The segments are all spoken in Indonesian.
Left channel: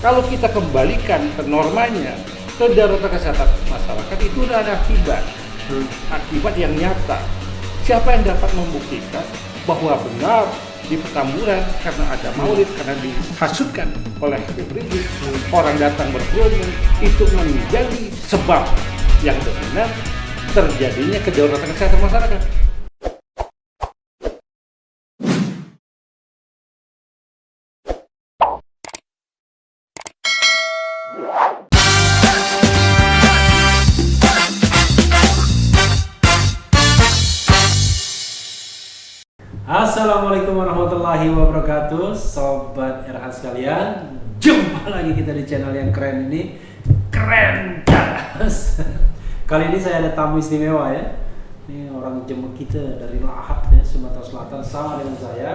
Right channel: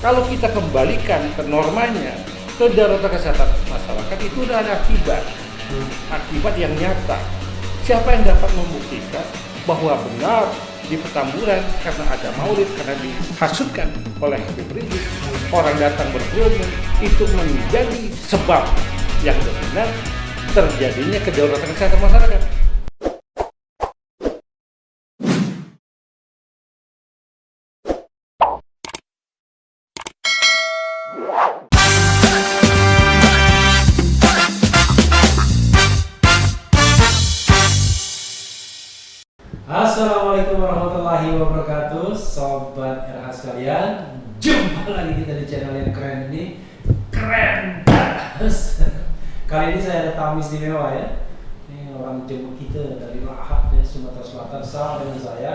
Kalau kita kembalikan ke normanya, kedaruratan kesehatan masyarakat itu udah ada akibat yang nyata. Siapa yang dapat membuktikan bahwa benar di Petamburan karena ada maulid, karena dihasutkan oleh Habib Rizik, orang datang berkerumun, itu menjadi sebab yang dominan terjadinya kedaruratan kesehatan masyarakat. Assalamualaikum warahmatullahi wabarakatuh, sobat RH sekalian. Jumpa lagi kita di channel yang keren ini, keren terus. Kali ini saya ada tamu istimewa ya. Ini orang jemput kita dari Lahap ya, Sumatera Selatan, sama dengan saya.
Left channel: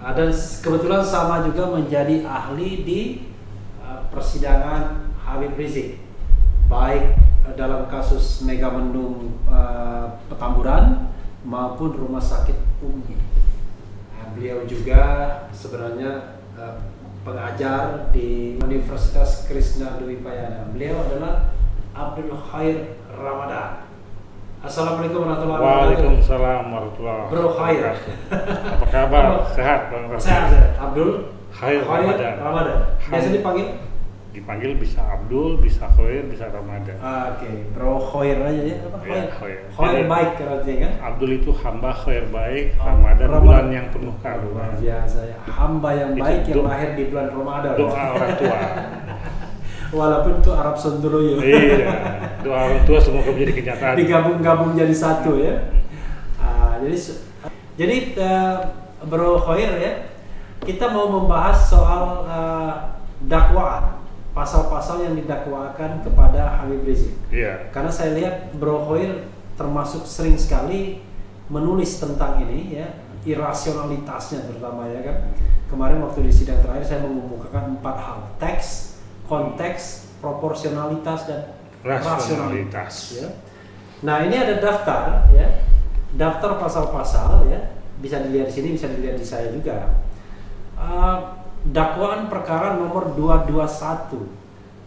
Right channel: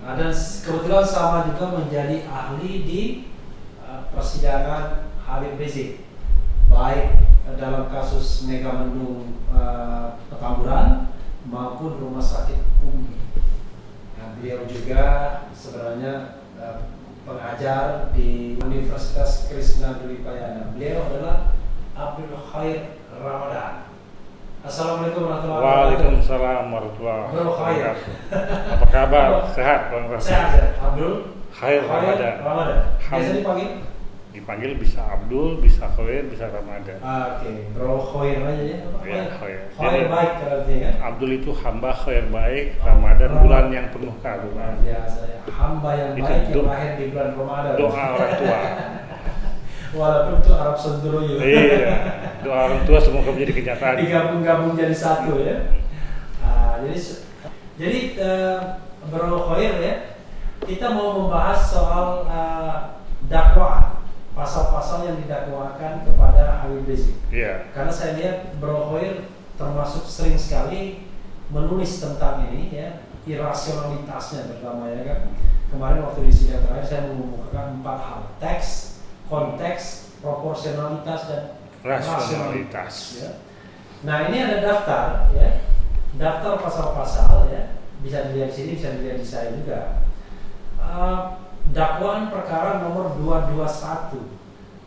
Dan kebetulan sama juga menjadi ahli di persidangan Habib Rizik, baik dalam kasus Megamendung Petamburan maupun Rumah Sakit Umi. Beliau juga sebenarnya pengajar di Universitas Krishna Dwipayana. Beliau adalah Abdul Khair Ramadan. Assalamualaikum warahmatullahi wabarakatuh. Waalaikumsalam warahmatullahi wabarakatuh. Apa kabar? Sehat Bang Rafi? Sehat. Abdul Khair Ramadan. Biasa Dipanggil bisa Abdul, bisa Khair, bisa Ramadan. Oke, Bro Khair aja ya. Apa Khair? Khair. Khair baik artinya kan? Abdul itu hamba khair baik, Ramadan bulan yang penuh keagungan. Biasa ya. Hamba yang baik yang lahir di bulan Ramadan. Doa orang tua. Walaupun itu Arab Sendroyo. Iya. Doa orang tua semoga menjadi kenyataan. Digabung-gabung jadi satu ya. Jadi Bro Khair ya, kita mau membahas soal dakwaan, pasal-pasal yang didakwakan kepada Habib Rizik. Iya. Karena saya lihat Bro Khair termasuk sering sekali menulis tentang ini ya, irasionalitasnya terutama ya kan. Kemarin waktu di sidang terakhir saya mengemukakan 4 hal: teks, konteks, proporsionalitas, dan rasionalitas. Ya. Nah ini ada daftar ya, daftar pasal-pasal ya, bisa dilihat di sini, bisa dilihat di saya juga. Dakwaan perkara nomor 221.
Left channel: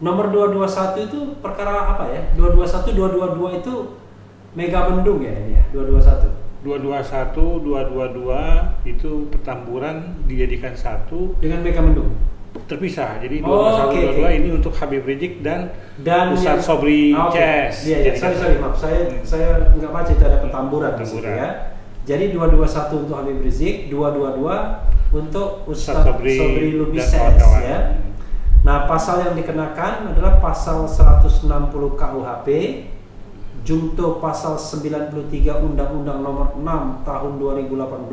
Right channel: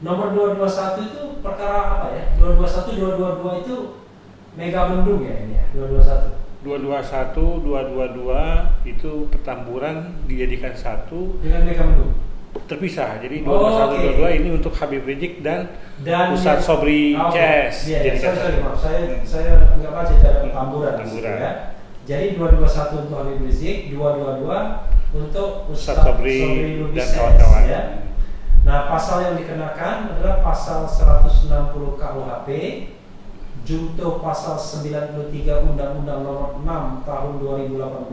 Nomor 221 itu perkara apa ya? 221, 222 itu Megamendung ya ini ya, 221. 221, 222 itu Petamburan dijadikan satu dengan Megamendung. Terpisah. Jadi 221, 222 ini untuk Habib Rizik dan Ustadz Sobri CS. Iya, maaf, saya nggak baca cara Petamburan. Ya. Jadi 221 untuk Habib Rizik, 222 untuk Ustadz Sobri Lubis dan kawan-kawan. Ya. Nah, pasal yang dikenakan adalah pasal 160 KUHP, junto pasal 93 Undang-Undang Nomor 6 Tahun 2018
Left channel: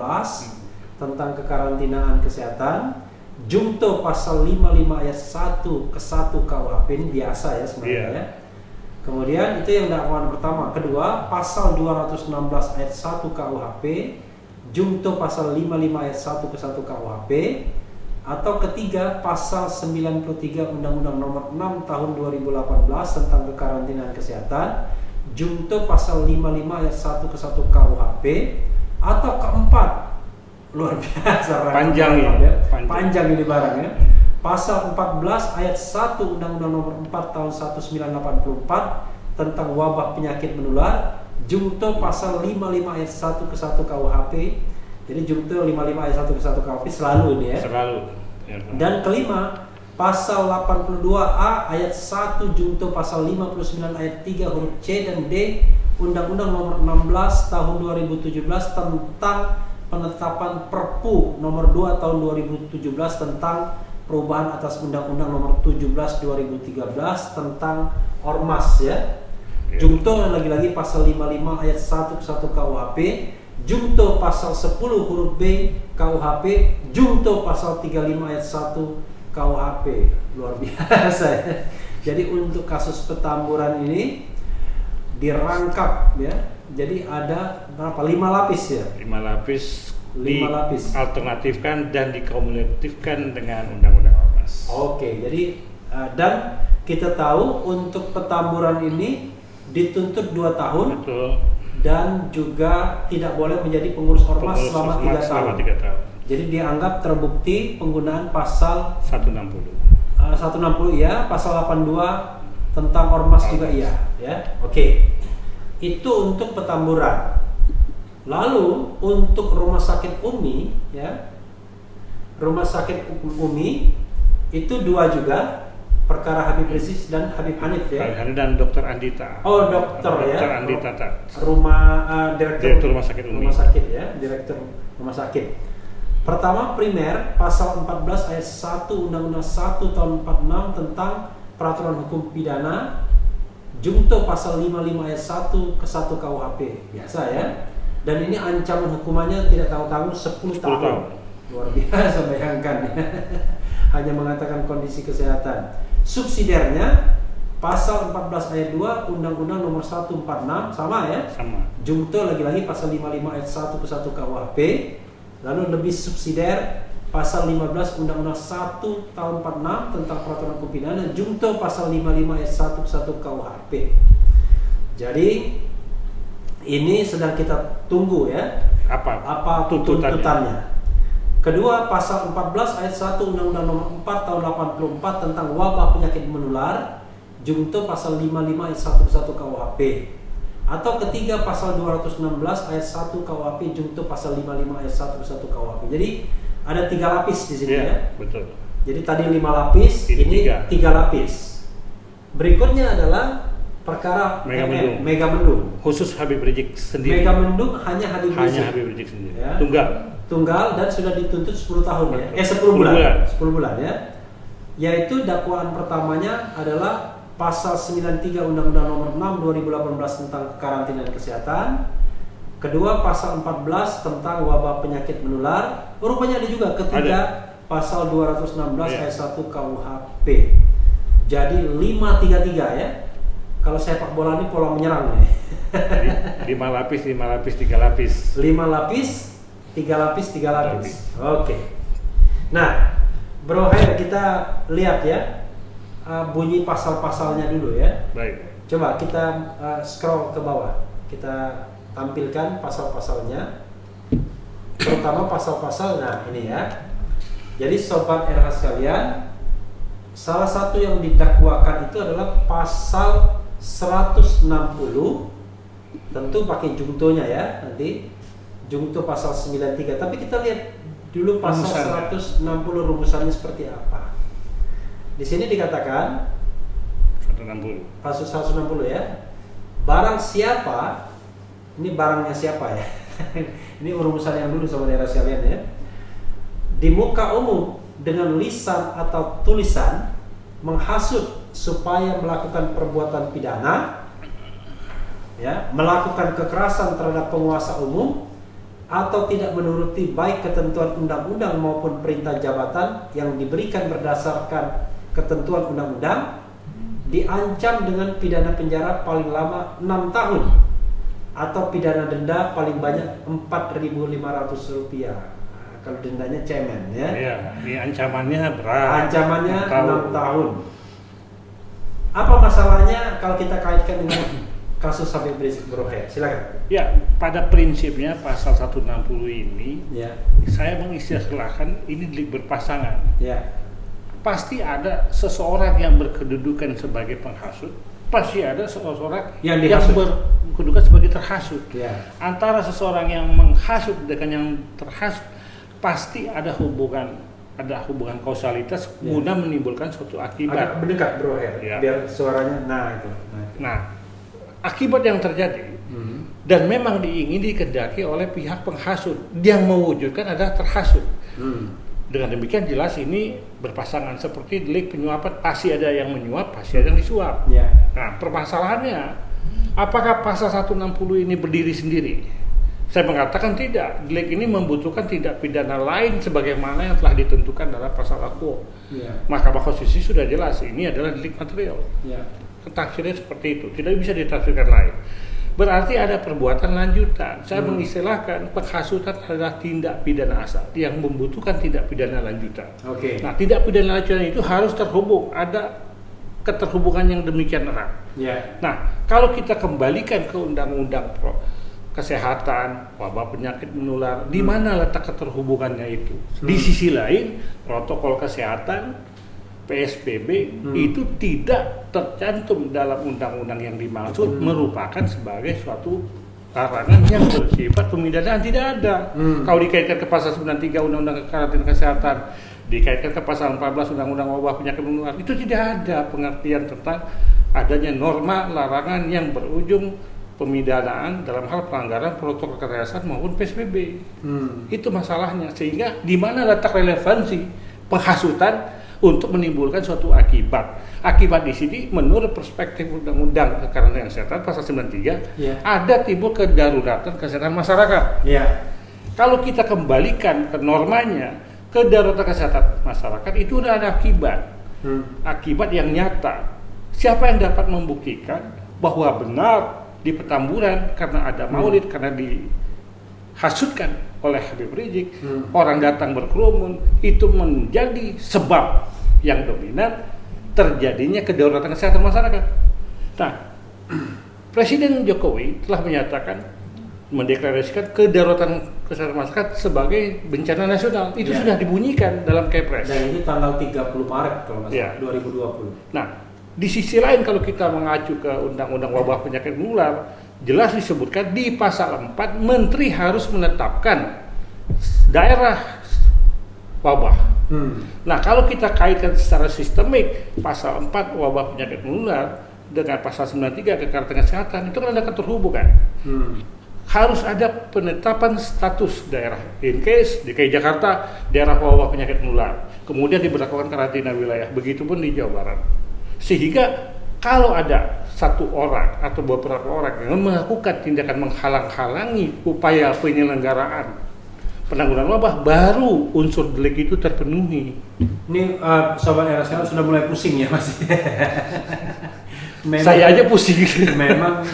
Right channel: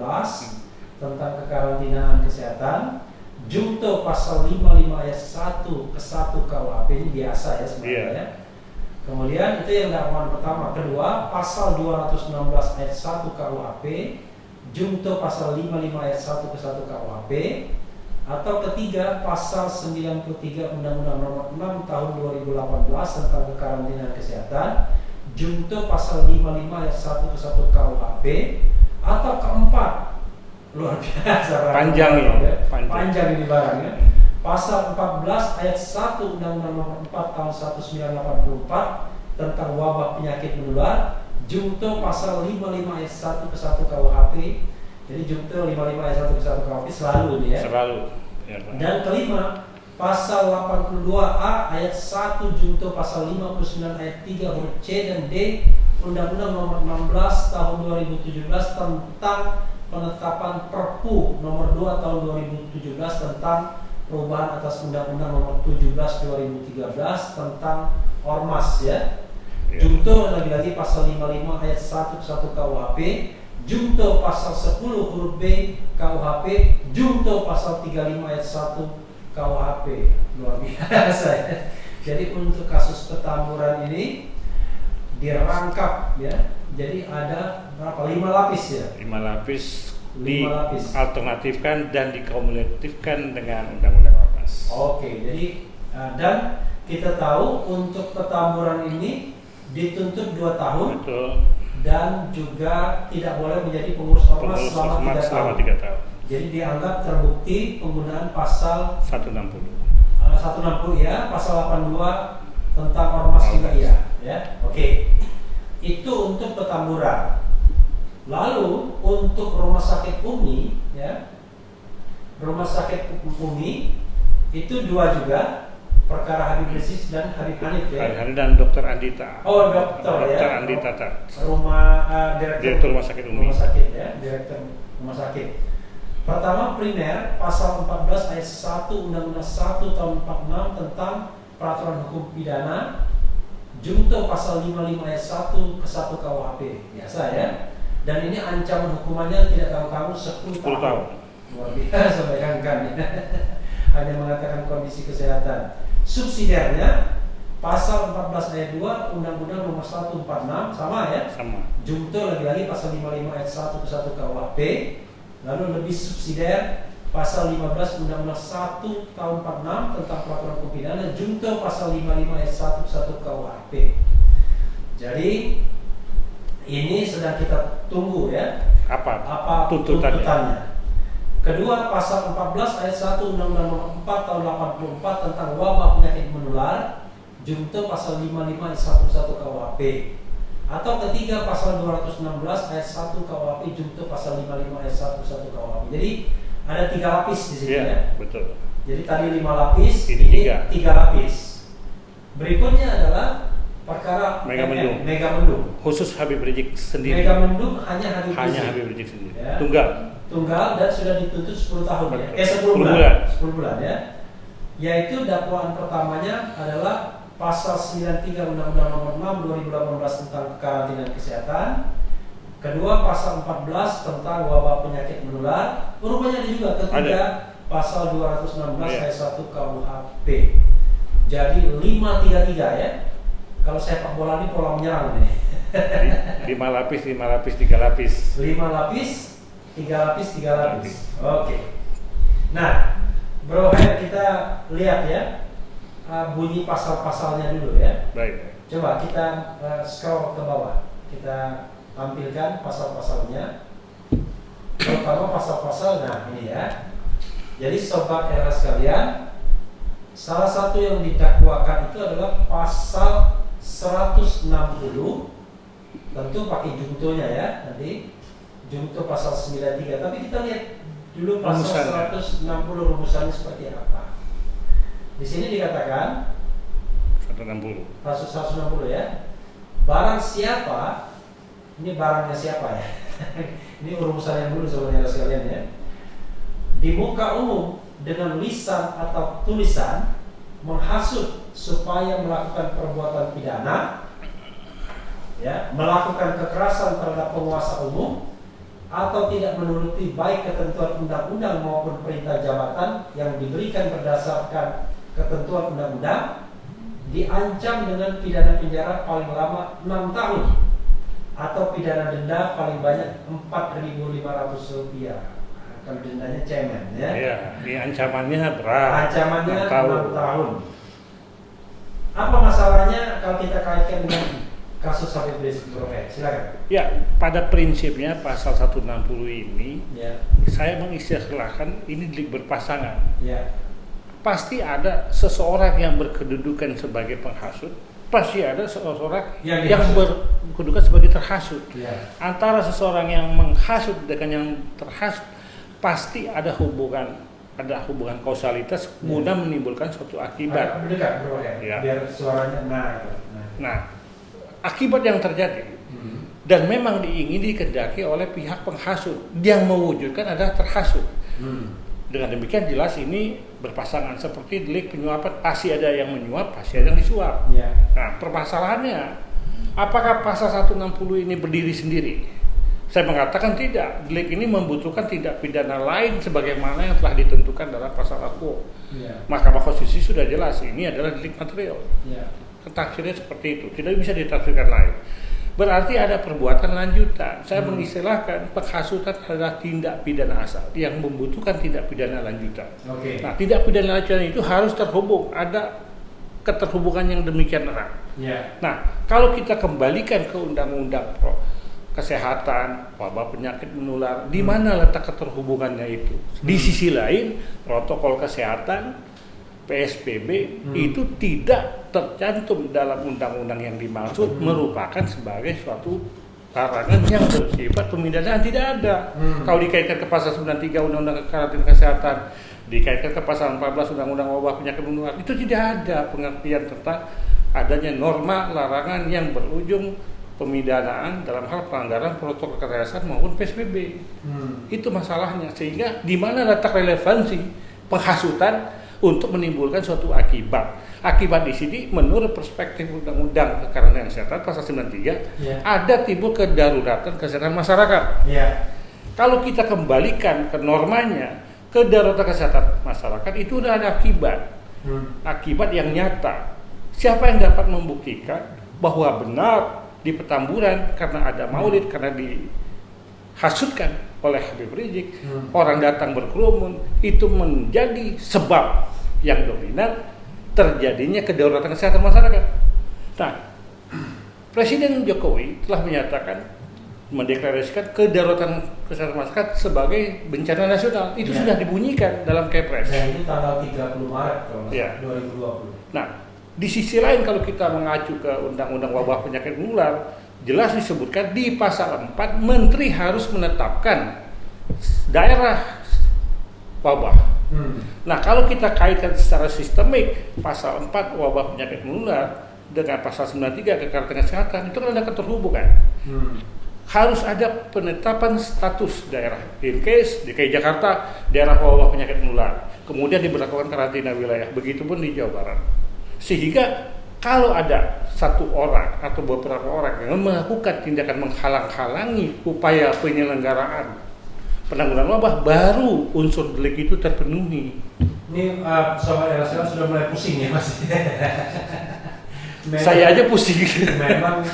tentang kekarantinaan kesehatan, junto pasal 55 ayat 1 ke 1 KUHP, ini biasa ya sebenarnya. Yeah. Kemudian itu yang dakwaan pertama. Kedua, pasal 216 ayat 1 KUHP, junto pasal 55 ayat 1 ke 1 KUHP, atau ketiga pasal 93 Undang-Undang Nomor 6 Tahun 2018 tentang kekarantinaan kesehatan, junto pasal 55 ayat 1 ke 1 KUHP, atau keempat, luar biasa panjang ya. Panjang ini barang ya. Pasal 14 ayat 1 Undang-Undang Nomor 4 Tahun 1984 tentang wabah penyakit menular, junto pasal 55 ayat 1 ke 1 KUHP. Jadi junto 55 ayat 1 ke 1 KUHP selalu ini ya. Selalu. Ya, dan kelima, pasal 82A ayat 1 junto pasal 59 ayat 3 huruf C dan D Undang-Undang Nomor 16 Tahun 2017 tentang penetapan Perpu Nomor 2 Tahun 2017 tentang perubahan atas Undang-Undang Nomor 17 2013 tentang Ormas ya. Junto lagi-lagi pasal 55 ayat 1 ke 1 KUHP, junto pasal 10 huruf B KUHP, junto pasal 35 ayat 1 KUHP. Luar biasa ya. Jadi untuk kasus Petamburan ini dirangkap ya. Jadi ada berapa? 5 lapis ya. 5 lapis dialternatifkan dan dikumulatifkan dengan Undang-Undang Ormas. Oke, jadi dan kita tahu untuk Petamburan ini dituntut 2 tahun. Betul. Dan juga tidak boleh menjadi pengurus ormas selama 3 tahun. Jadi dianggap terbukti penggunaan pasal 160 160 ya, pasal 82 tentang ormas juga iya, ya. Oke. Itu untuk Petamburan. Lalu untuk Rumah Sakit Umi, ya. Rumah Sakit Umi itu 2 juga, perkara Habib Rizik dan Habib Hanif ya. Habib Hanif dan Dr. Andita. Oh, dokter ya. Dr. Andita Direktur Rumah Sakit Umi. Rumah Sakit ya, Direktur Rumah Sakit. Pertama, primer pasal 14 ayat 1 Undang-Undang 1 tahun 46 tentang peraturan hukum pidana, junto pasal 55 ayat 1 ke 1 KUHP. Biasa ya. Dan ini ancaman hukumannya tidak tanggung-tanggung 10 tahun. Luar biasa, bayangkan. Hanya mengatakan kondisi kesehatan. Subsidiarnya pasal 14 ayat 2 Undang-Undang nomor 146 sama ya? Sama. Junto lagi-lagi pasal 55 ayat 1 ke 1 KUHP. Lalu lebih subsidiar pasal 15 Undang-Undang 1 tahun 46 tentang peraturan hukum pidana, junto pasal 55 ayat 1 ke 1 KUHP. Jadi ini sedang kita tunggu ya. Apa tuntutannya. Kedua, pasal 14 ayat 1 Undang-Undang nomor 4 tahun 84 tentang wabah penyakit menular, junto pasal 55 ayat 1 ke 1 KUHP. Atau ketiga, pasal 216 ayat 1 KUHP junto pasal 55 ayat 1 ke 1 KUHP. Jadi ada 3 lapis di sini ya. Betul. Jadi tadi 5 lapis, ini 3 lapis. Berikutnya adalah perkara Megamendung. Khusus Habib Rizik sendiri. Megamendung hanya Habib Rizik sendiri. Ya. Tunggal dan sudah dituntut 10 tahun Betul. ya. 10 bulan. 10 bulan ya. Yaitu dakwaan pertamanya adalah pasal 93 Undang-Undang Nomor 6 2018 tentang kekarantinaan kesehatan. Kedua, pasal 14 tentang wabah penyakit menular. Rupanya ada juga ketiga, pasal 216 ayat 1 KUHP. Jadi 533 ya. Kalau sepak bola ini pola menyerang nih. Jadi 5 lapis, 5 lapis, 3 lapis. 5 lapis, 3 lapis, 3 lapis. Oke. Nah, Bro Her, kita lihat ya. Bunyi pasal-pasalnya dulu ya. Baik. Coba kita scroll ke bawah. Kita tampilkan pasal-pasalnya. Terutama pasal-pasal, nah ini ya. Jadi sobat RH sekalian, salah satu yang didakwakan itu adalah pasal 160. Tentu pakai juntonya ya, nanti junto pasal 93. Tapi kita lihat dulu pasal 160 rumusannya seperti apa. Di sini dikatakan 160. Pasal 160 ya. Barang siapa, ini barangnya siapa ya? Ini rumusan yang dulu saudara sekalian ya. Di muka umum dengan lisan atau tulisan menghasut supaya melakukan perbuatan pidana, ya, melakukan kekerasan terhadap penguasa umum, atau tidak menuruti baik ketentuan undang-undang maupun perintah jabatan yang diberikan berdasarkan ketentuan undang-undang, diancam dengan pidana penjara paling lama 6 tahun atau pidana denda paling banyak Rp4.500. Kalau dendanya cemen ya. Iya, ini ancamannya berat. Ancamannya 6 tahun. Apa masalahnya kalau kita kaitkan dengan kasus Habib Rizik? Silakan. Ya, pada prinsipnya pasal 160 ini ya, saya mengistilahkan ini delik berpasangan. Ya. Pasti ada seseorang yang berkedudukan sebagai penghasut, pasti ada seseorang yang berkedudukan sebagai terhasut. Ya. Antara seseorang yang menghasut dengan yang terhasut pasti ada hubungan kausalitas guna menimbulkan suatu akibat. Agak mendekat bro ya, biar suaranya Nah, akibat yang terjadi dan memang diingini dikehendaki oleh pihak penghasut yang mewujudkan adalah terhasut. Dengan demikian jelas ini berpasangan seperti delik penyuapan, pasti ada yang menyuap, pasti ada yang disuap. Ya. Nah, permasalahannya apakah pasal 160 ini berdiri sendiri? Saya mengatakan tidak. Delik ini membutuhkan tindak pidana lain sebagaimana yang telah ditentukan dalam pasal AKUO. Ya. Mahkamah Konstitusi sudah jelas ini adalah delik material. Ya. Tafsirnya seperti itu, tidak bisa ditafsirkan lain. Berarti ada perbuatan lanjutan. Saya mengistilahkan penghasutan adalah tindak pidana asal yang membutuhkan tindak pidana lanjutan. Okay. Nah, tindak pidana lanjutan itu harus terhubung, ada keterhubungan yang demikian erat. Yeah. Nah, kalau kita kembalikan ke undang-undang kesehatan, wabah penyakit menular, di mana letak keterhubungannya itu? Di sisi lain, protokol kesehatan PSBB itu tidak tercantum dalam undang-undang yang dimaksud merupakan sebagai suatu larangan yang bersifat pemidanaan, tidak ada. Kalau dikaitkan ke pasal 93 Undang-Undang Karantina Kesehatan, dikaitkan ke pasal 14 Undang-Undang Wabah Penyakit Menular, itu tidak ada pengertian tentang adanya norma larangan yang berujung pemidanaan dalam hal pelanggaran protokol kesehatan maupun PSBB. Itu masalahnya, sehingga di mana letak relevansi penghasutan untuk menimbulkan suatu akibat. Akibat di sini menurut perspektif Undang-Undang Karantina Kesehatan pasal 93 ada timbul kedaruratan kesehatan masyarakat. Kalau kita kembalikan ke normanya, kedaruratan kesehatan masyarakat itu udah ada akibat. Akibat yang nyata. Siapa yang dapat membuktikan bahwa benar di Petamburan karena ada maulid, karena dihasutkan oleh Habib Rizik, orang datang berkerumun, itu menjadi sebab yang dominan terjadinya kedaruratan kesehatan masyarakat. Nah, Presiden Jokowi telah menyatakan, mendeklarasikan kedaruratan kesehatan masyarakat sebagai bencana nasional. Itu sudah dibunyikan dalam Kepres. Dan ini tanggal 30 Maret kalau nggak salah, 2020. Nah, di sisi lain kalau kita mengacu ke Undang-Undang Wabah Penyakit Menular, jelas disebutkan di pasal 4 Menteri harus menetapkan daerah wabah. Nah, kalau kita kaitkan secara sistemik pasal 4 Wabah Penyakit Menular dengan pasal 93 Karantina Kesehatan, itu kan ada keterhubungan. Harus ada penetapan status daerah. In case DKI Jakarta daerah wabah penyakit menular, kemudian diberlakukan karantina wilayah. Begitupun di Jawa Barat. Sehingga kalau ada satu orang atau beberapa orang yang melakukan tindakan menghalang-halangi upaya penyelenggaraan penanggulangan wabah, baru unsur delik itu terpenuhi. Ini Sobat RSL sudah mulai pusing ya Mas. Saya aja pusing. Memang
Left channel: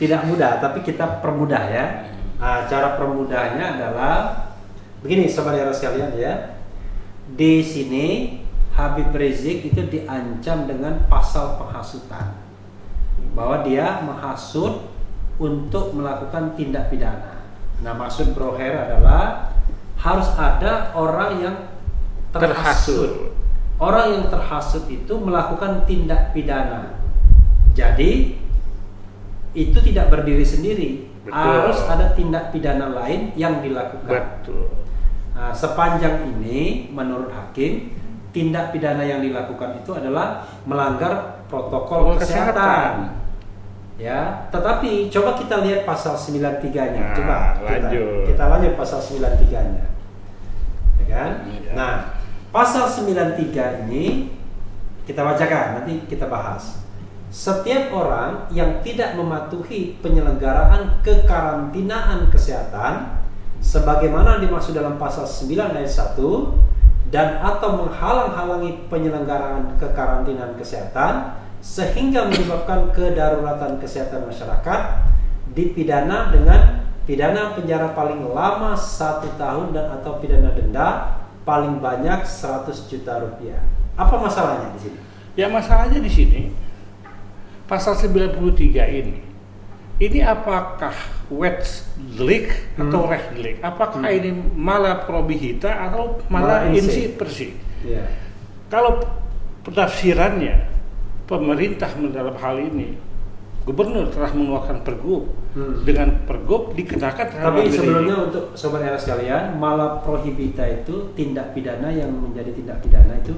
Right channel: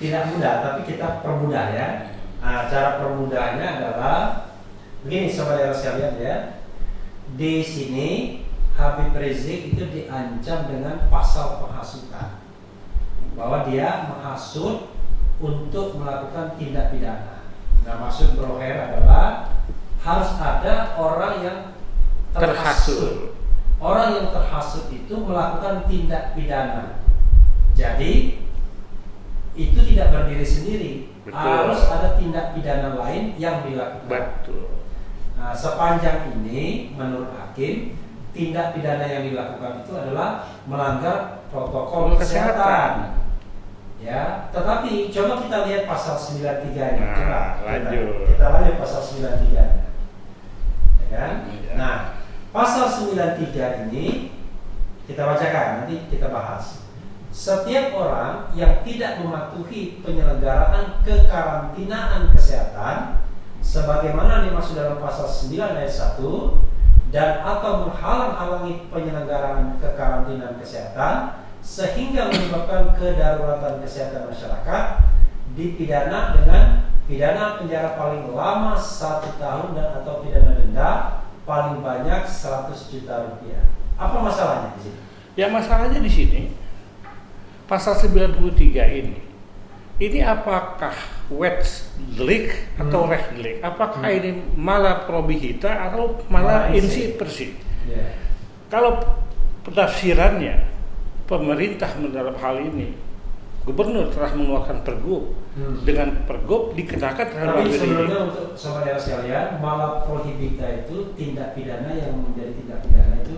tidak mudah, tapi kita permudah ya. Cara permudahnya adalah begini Sobat RSL ya. Di sini Habib Rizik itu diancam dengan pasal penghasutan, bahwa dia menghasut untuk melakukan tindak pidana. Nah, maksud Broher adalah harus ada orang yang terhasut. Orang yang terhasut itu melakukan tindak pidana. Jadi itu tidak berdiri sendiri. Betul. Harus ada tindak pidana lain yang dilakukan. Betul. Nah, sepanjang ini menurut hakim, tindak pidana yang dilakukan itu adalah melanggar protokol kesehatan. Ya, tetapi coba kita lihat pasal 93-nya. Coba lanjut. Kita lanjut pasal 93-nya. Ya kan? Ya. Nah, pasal 93 ini kita bacakan, nanti kita bahas. Setiap orang yang tidak mematuhi penyelenggaraan kekarantinaan kesehatan sebagaimana dimaksud dalam pasal 9 ayat 1 dan atau menghalang-halangi penyelenggaraan kekarantinaan kesehatan sehingga menyebabkan kedaruratan kesehatan masyarakat dipidana dengan pidana penjara paling lama 1 tahun dan atau pidana denda paling banyak 100 juta rupiah. Apa masalahnya di sini? Ya, masalahnya di sini pasal 93 ini apakah wet delik atau res delik? Apakah ini malah probihita atau malah insi persi? Yeah. Kalau penafsirannya pemerintah dalam hal ini, gubernur telah mengeluarkan pergub. Dengan pergub dikenakan terhadap tapi ini. sebenarnya untuk sobat RS sekalian, malah prohibita itu tindak pidana yang menjadi tindak pidana itu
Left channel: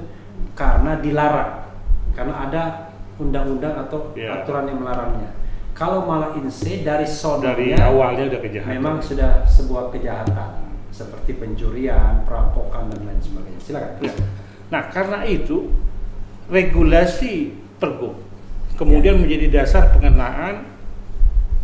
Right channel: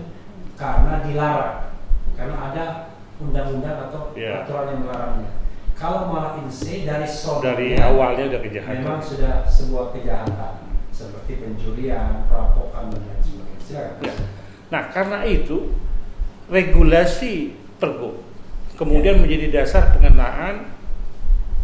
karena dilarang, karena ada undang-undang atau aturan yang melarangnya. Kalau malah inse dari awalnya udah kejahatan. Memang sudah sebuah kejahatan seperti pencurian, perampokan dan lain sebagainya. Silakan. Ya. Nah, karena itu regulasi pergub kemudian menjadi dasar pengenaan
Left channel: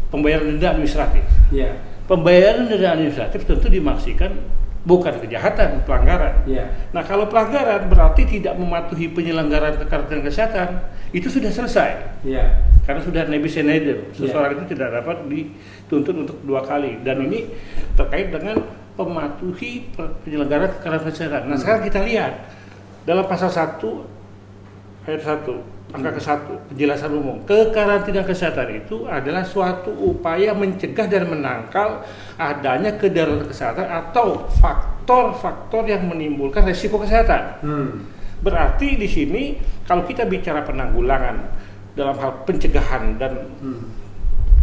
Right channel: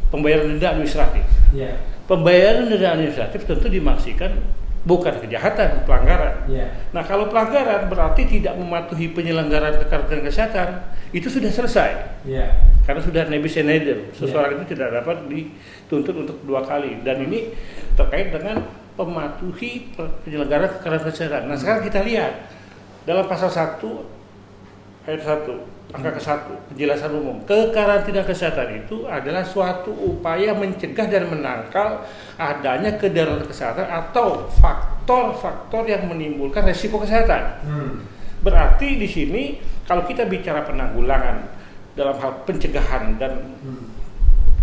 pembayaran denda administratif. Ya. Pembayaran denda administratif tentu dimaksudkan bukan kejahatan, pelanggaran. Ya. Nah, kalau pelanggaran berarti tidak mematuhi penyelenggaraan kekarantinaan kesehatan, itu sudah selesai. Ya. Karena sudah nebis in idem, seseorang itu tidak dapat dituntut untuk 2 kali. Dan ini terkait dengan mematuhi penyelenggaraan kekarantinaan kesehatan. Nah, sekarang kita lihat dalam pasal 1 ayat 1 angka ke-1 penjelasan umum, kekarantinaan kesehatan itu adalah suatu upaya mencegah dan menangkal adanya kedaruratan kesehatan atau faktor-faktor yang menimbulkan resiko kesehatan. Berarti di sini kalau kita bicara penanggulangan dalam hal pencegahan dan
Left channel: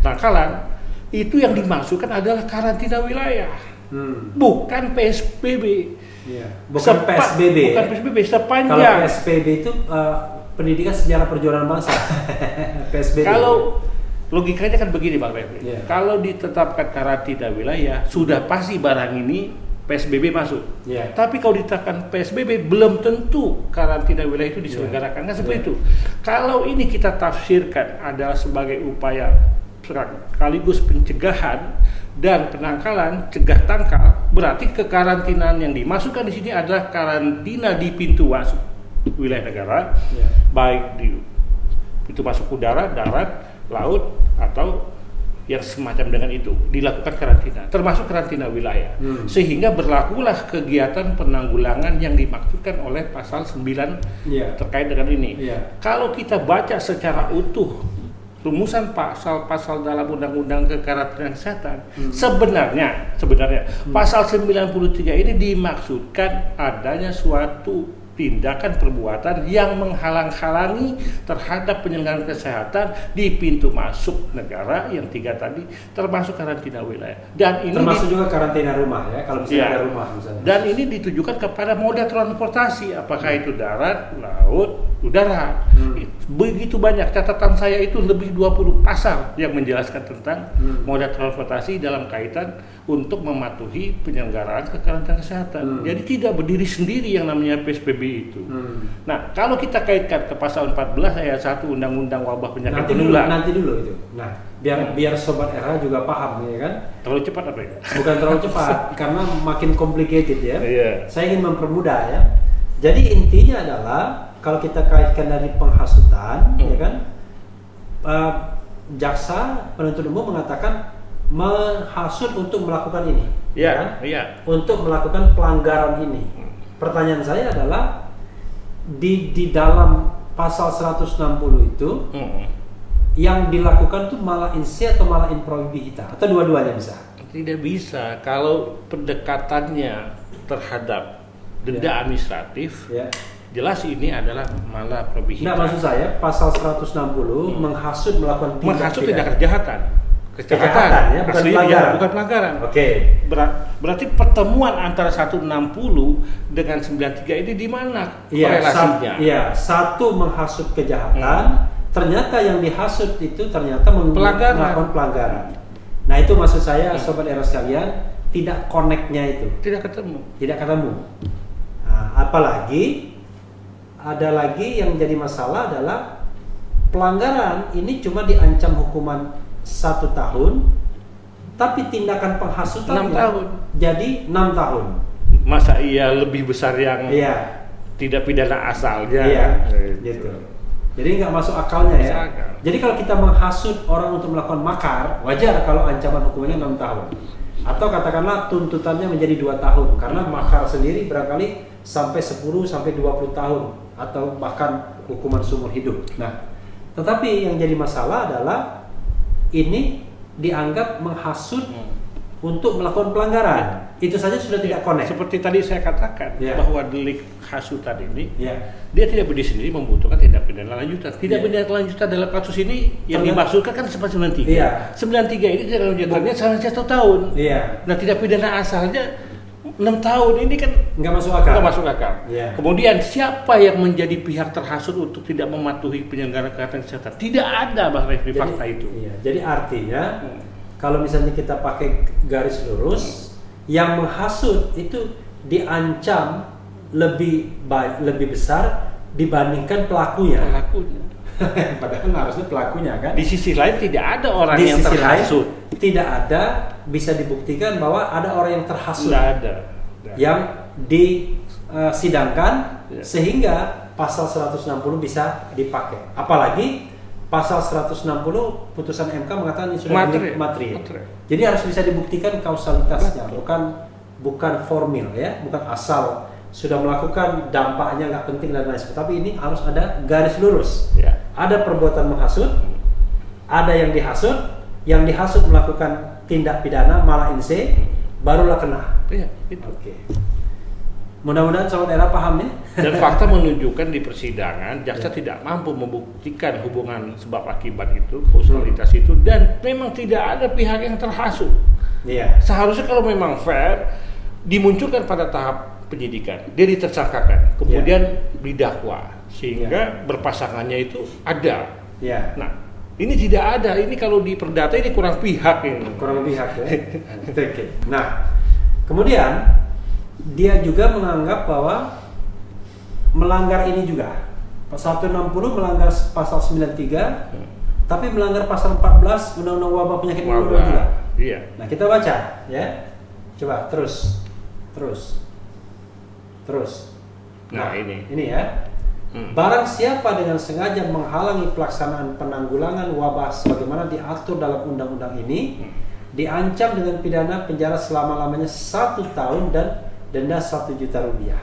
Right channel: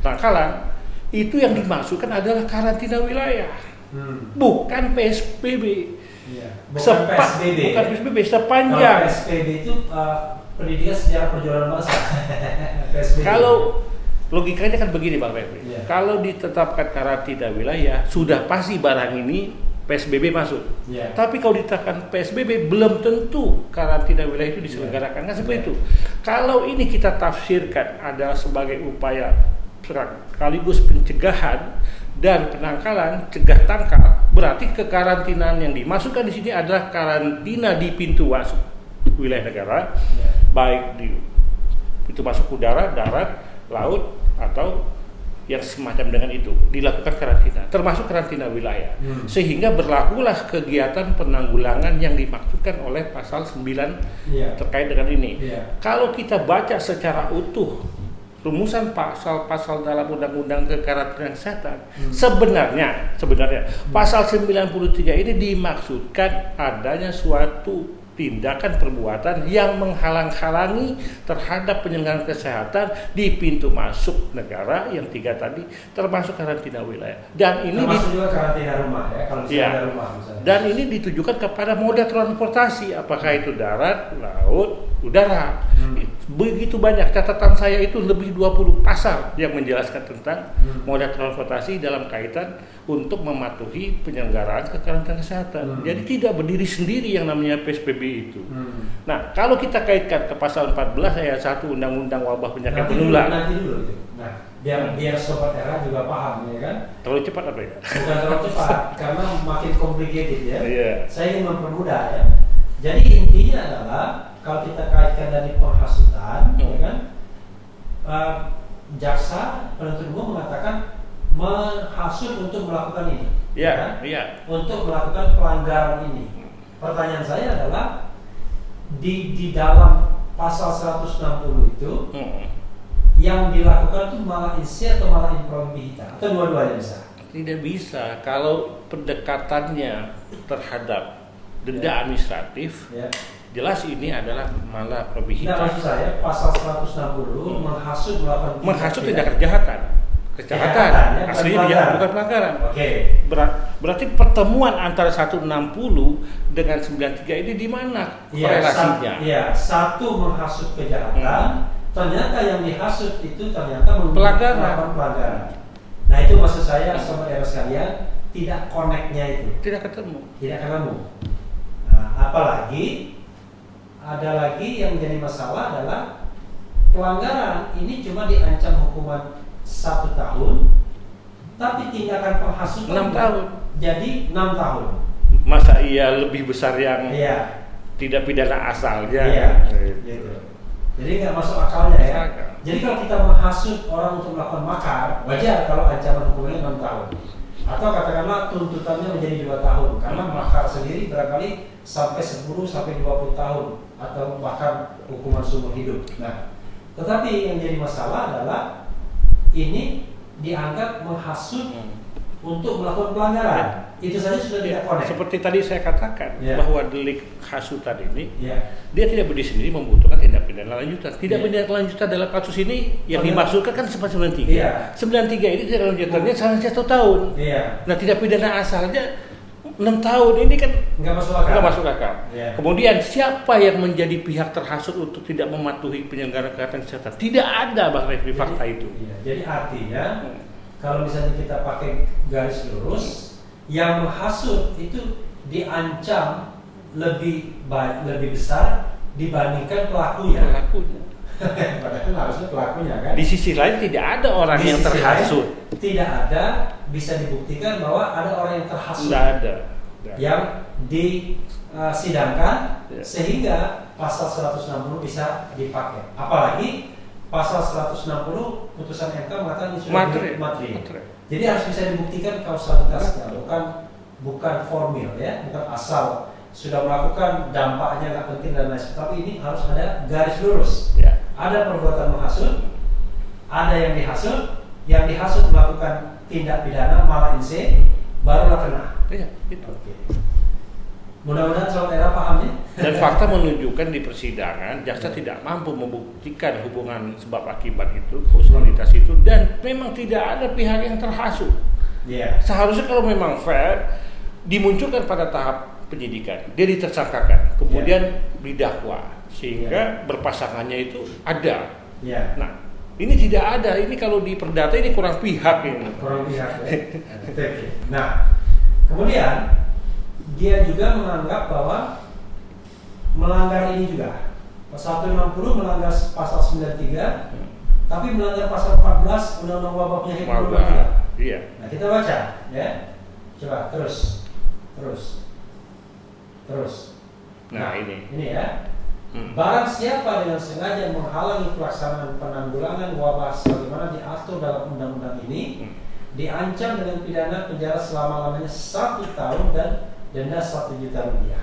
penangkalan, itu yang dimaksudkan adalah karantina wilayah, bukan PSBB. Iya. Bukan PSBB. Bukan PSBB sepanjang. Kalau PSBB itu pendidikan sejarah perjuangan bangsa. PSBB. Kalau logikanya kan begini Bang Refli, Kalau kalau ditetapkan karantina wilayah, sudah pasti barang ini PSBB masuk. Tapi kalau ditetapkan PSBB, belum tentu karantina wilayah itu diselenggarakan. Kan seperti itu. Kalau ini kita tafsirkan adalah sebagai upaya sekaligus pencegahan dan penangkalan, cegah tangkal, berarti kekarantinaan yang dimasukkan di sini adalah karantina di pintu masuk wilayah negara, baik di pintu masuk udara, darat, laut, atau yang semacam dengan itu dilakukan karantina, termasuk karantina wilayah, sehingga berlakulah kegiatan penanggulangan yang dimaksudkan oleh pasal 9 terkait dengan ini. Kalau kita baca secara utuh rumusan pasal-pasal dalam undang-undang kekarantinaan kesehatan, sebenarnya pasal 93 ini dimaksudkan adanya suatu tindakan perbuatan yang menghalang-halangi terhadap penyelenggaraan kesehatan di pintu masuk negara yang 3 tadi, termasuk karantina wilayah. Dan ini termasuk juga karantina rumah ya, kalau misalnya ada rumah misalnya. Dan ini ditujukan kepada moda transportasi, apakah itu darat, laut, udara. Begitu banyak, catatan saya itu lebih 20 pasal yang menjelaskan tentang moda transportasi dalam kaitan untuk mematuhi penyelenggaraan kekarantinaan kesehatan. Jadi tidak berdiri sendiri yang namanya PSBB itu. Nah, kalau kita kaitkan ke pasal 14 ayat 1 Undang-Undang Wabah Penyakit Menular. Nanti dulu itu. Nah, biar sobat era juga paham ya kan. Terlalu cepat apa ya? Bukan terlalu cepat karena makin complicated ya. Saya ingin mempermudah ya. Jadi intinya adalah kalau kita kaitkan dari penghasutan, ya kan, jaksa penuntut umum mengatakan menghasut untuk melakukan ini, untuk melakukan pelanggaran ini. Pertanyaan saya adalah di dalam pasal 160 itu yang dilakukan itu malah insi atau malah improbita atau dua-duanya bisa? Tidak bisa kalau pendekatannya terhadap denda administratif. Jelas ini adalah malah probihita. Nah, maksud saya pasal 160 menghasut melakukan tidak kejahatan. Kejahatan ya, aslinya bukan pelanggaran. Berarti pertemuan antara 160 dengan 93 ini di mana korelasinya? Satu menghasut kejahatan, ternyata yang dihasut itu ternyata melakukan pelanggaran. Nah, itu maksud saya sobat era sekalian, tidak connect-nya itu. Tidak ketemu. Nah, apalagi ada lagi yang menjadi masalah adalah pelanggaran ini cuma diancam hukuman 1 tahun, tapi tindakan penghasutan 6 tahun. Jadi 6 tahun. Masa iya lebih besar yang tidak pidana asalnya? Gitu. Jadi nggak masuk akalnya ya. Jadi kalau kita menghasut orang untuk melakukan makar, wajar kalau ancaman hukumannya 6 tahun. Atau katakanlah tuntutannya menjadi 2 tahun, karena makar sendiri barangkali sampai 10 sampai 20 tahun atau bahkan hukuman seumur hidup. Nah, tetapi yang jadi masalah adalah ini dianggap menghasut untuk melakukan pelanggaran. Itu saja sudah tidak connect. Seperti tadi saya katakan bahwa delik hasutan ini dia tidak berdiri sendiri, membutuhkan tindak pidana lanjutan. Tindak pidana lanjutan dalam kasus ini yang dimaksudkan kan seperti 93. 93 ini tindak lanjutannya sampai 1 tahun. Nah, tindak pidana asalnya 6 tahun ini kan nggak masuk akal. Kemudian siapa yang menjadi pihak terhasut untuk tidak mematuhi penyelenggaraan kesehatan? Tidak ada Bang Refli fakta itu. Jadi artinya kalau misalnya kita pakai garis lurus, yang menghasut itu diancam lebih besar dibandingkan pelakunya. Padahal harusnya pelakunya kan. Di sisi lain tidak ada orang yang terhasut. Tidak ada, bisa dibuktikan bahwa ada orang yang terhasut. Tidak ada. Yang disidangkan sehingga pasal 160 bisa dipakai. Apalagi pasal 160 putusan MK mengatakan ini sudah materi. Jadi harus bisa dibuktikan kausalitasnya, bukan formil ya, bukan asal sudah melakukan dampaknya nggak penting dan lain sebagainya. Tapi ini harus ada garis lurus. Ada perbuatan menghasut, ada yang dihasut melakukan tindak pidana malah inse, barulah kena. Mudah-mudahan sobat era paham nih. Dan fakta menunjukkan di persidangan jaksa tidak mampu membuktikan hubungan sebab akibat itu, kausalitas itu, dan memang tidak ada pihak yang terhasut. Iya. Seharusnya kalau memang fair dimunculkan pada tahap penyidikan, dia ditersangkakan, kemudian didakwa sehingga berpasangannya itu ada. Iya. Nah, ini tidak ada. Ini kalau di perdata ini kurang pihak ini. Kurang pihak ya. Oke. Nah, kemudian dia juga menganggap bahwa melanggar ini juga. Pasal 160 melanggar pasal 93, tapi melanggar pasal 14 Undang-Undang Wabah Penyakit Menular juga. Iya. Nah, kita baca ya. Coba terus. Nah, ini. Ini ya. Barang siapa dengan sengaja menghalangi pelaksanaan penanggulangan wabah sebagaimana diatur dalam undang-undang ini, diancam dengan pidana penjara selama-lamanya 1 tahun dan denda 1 juta rupiah.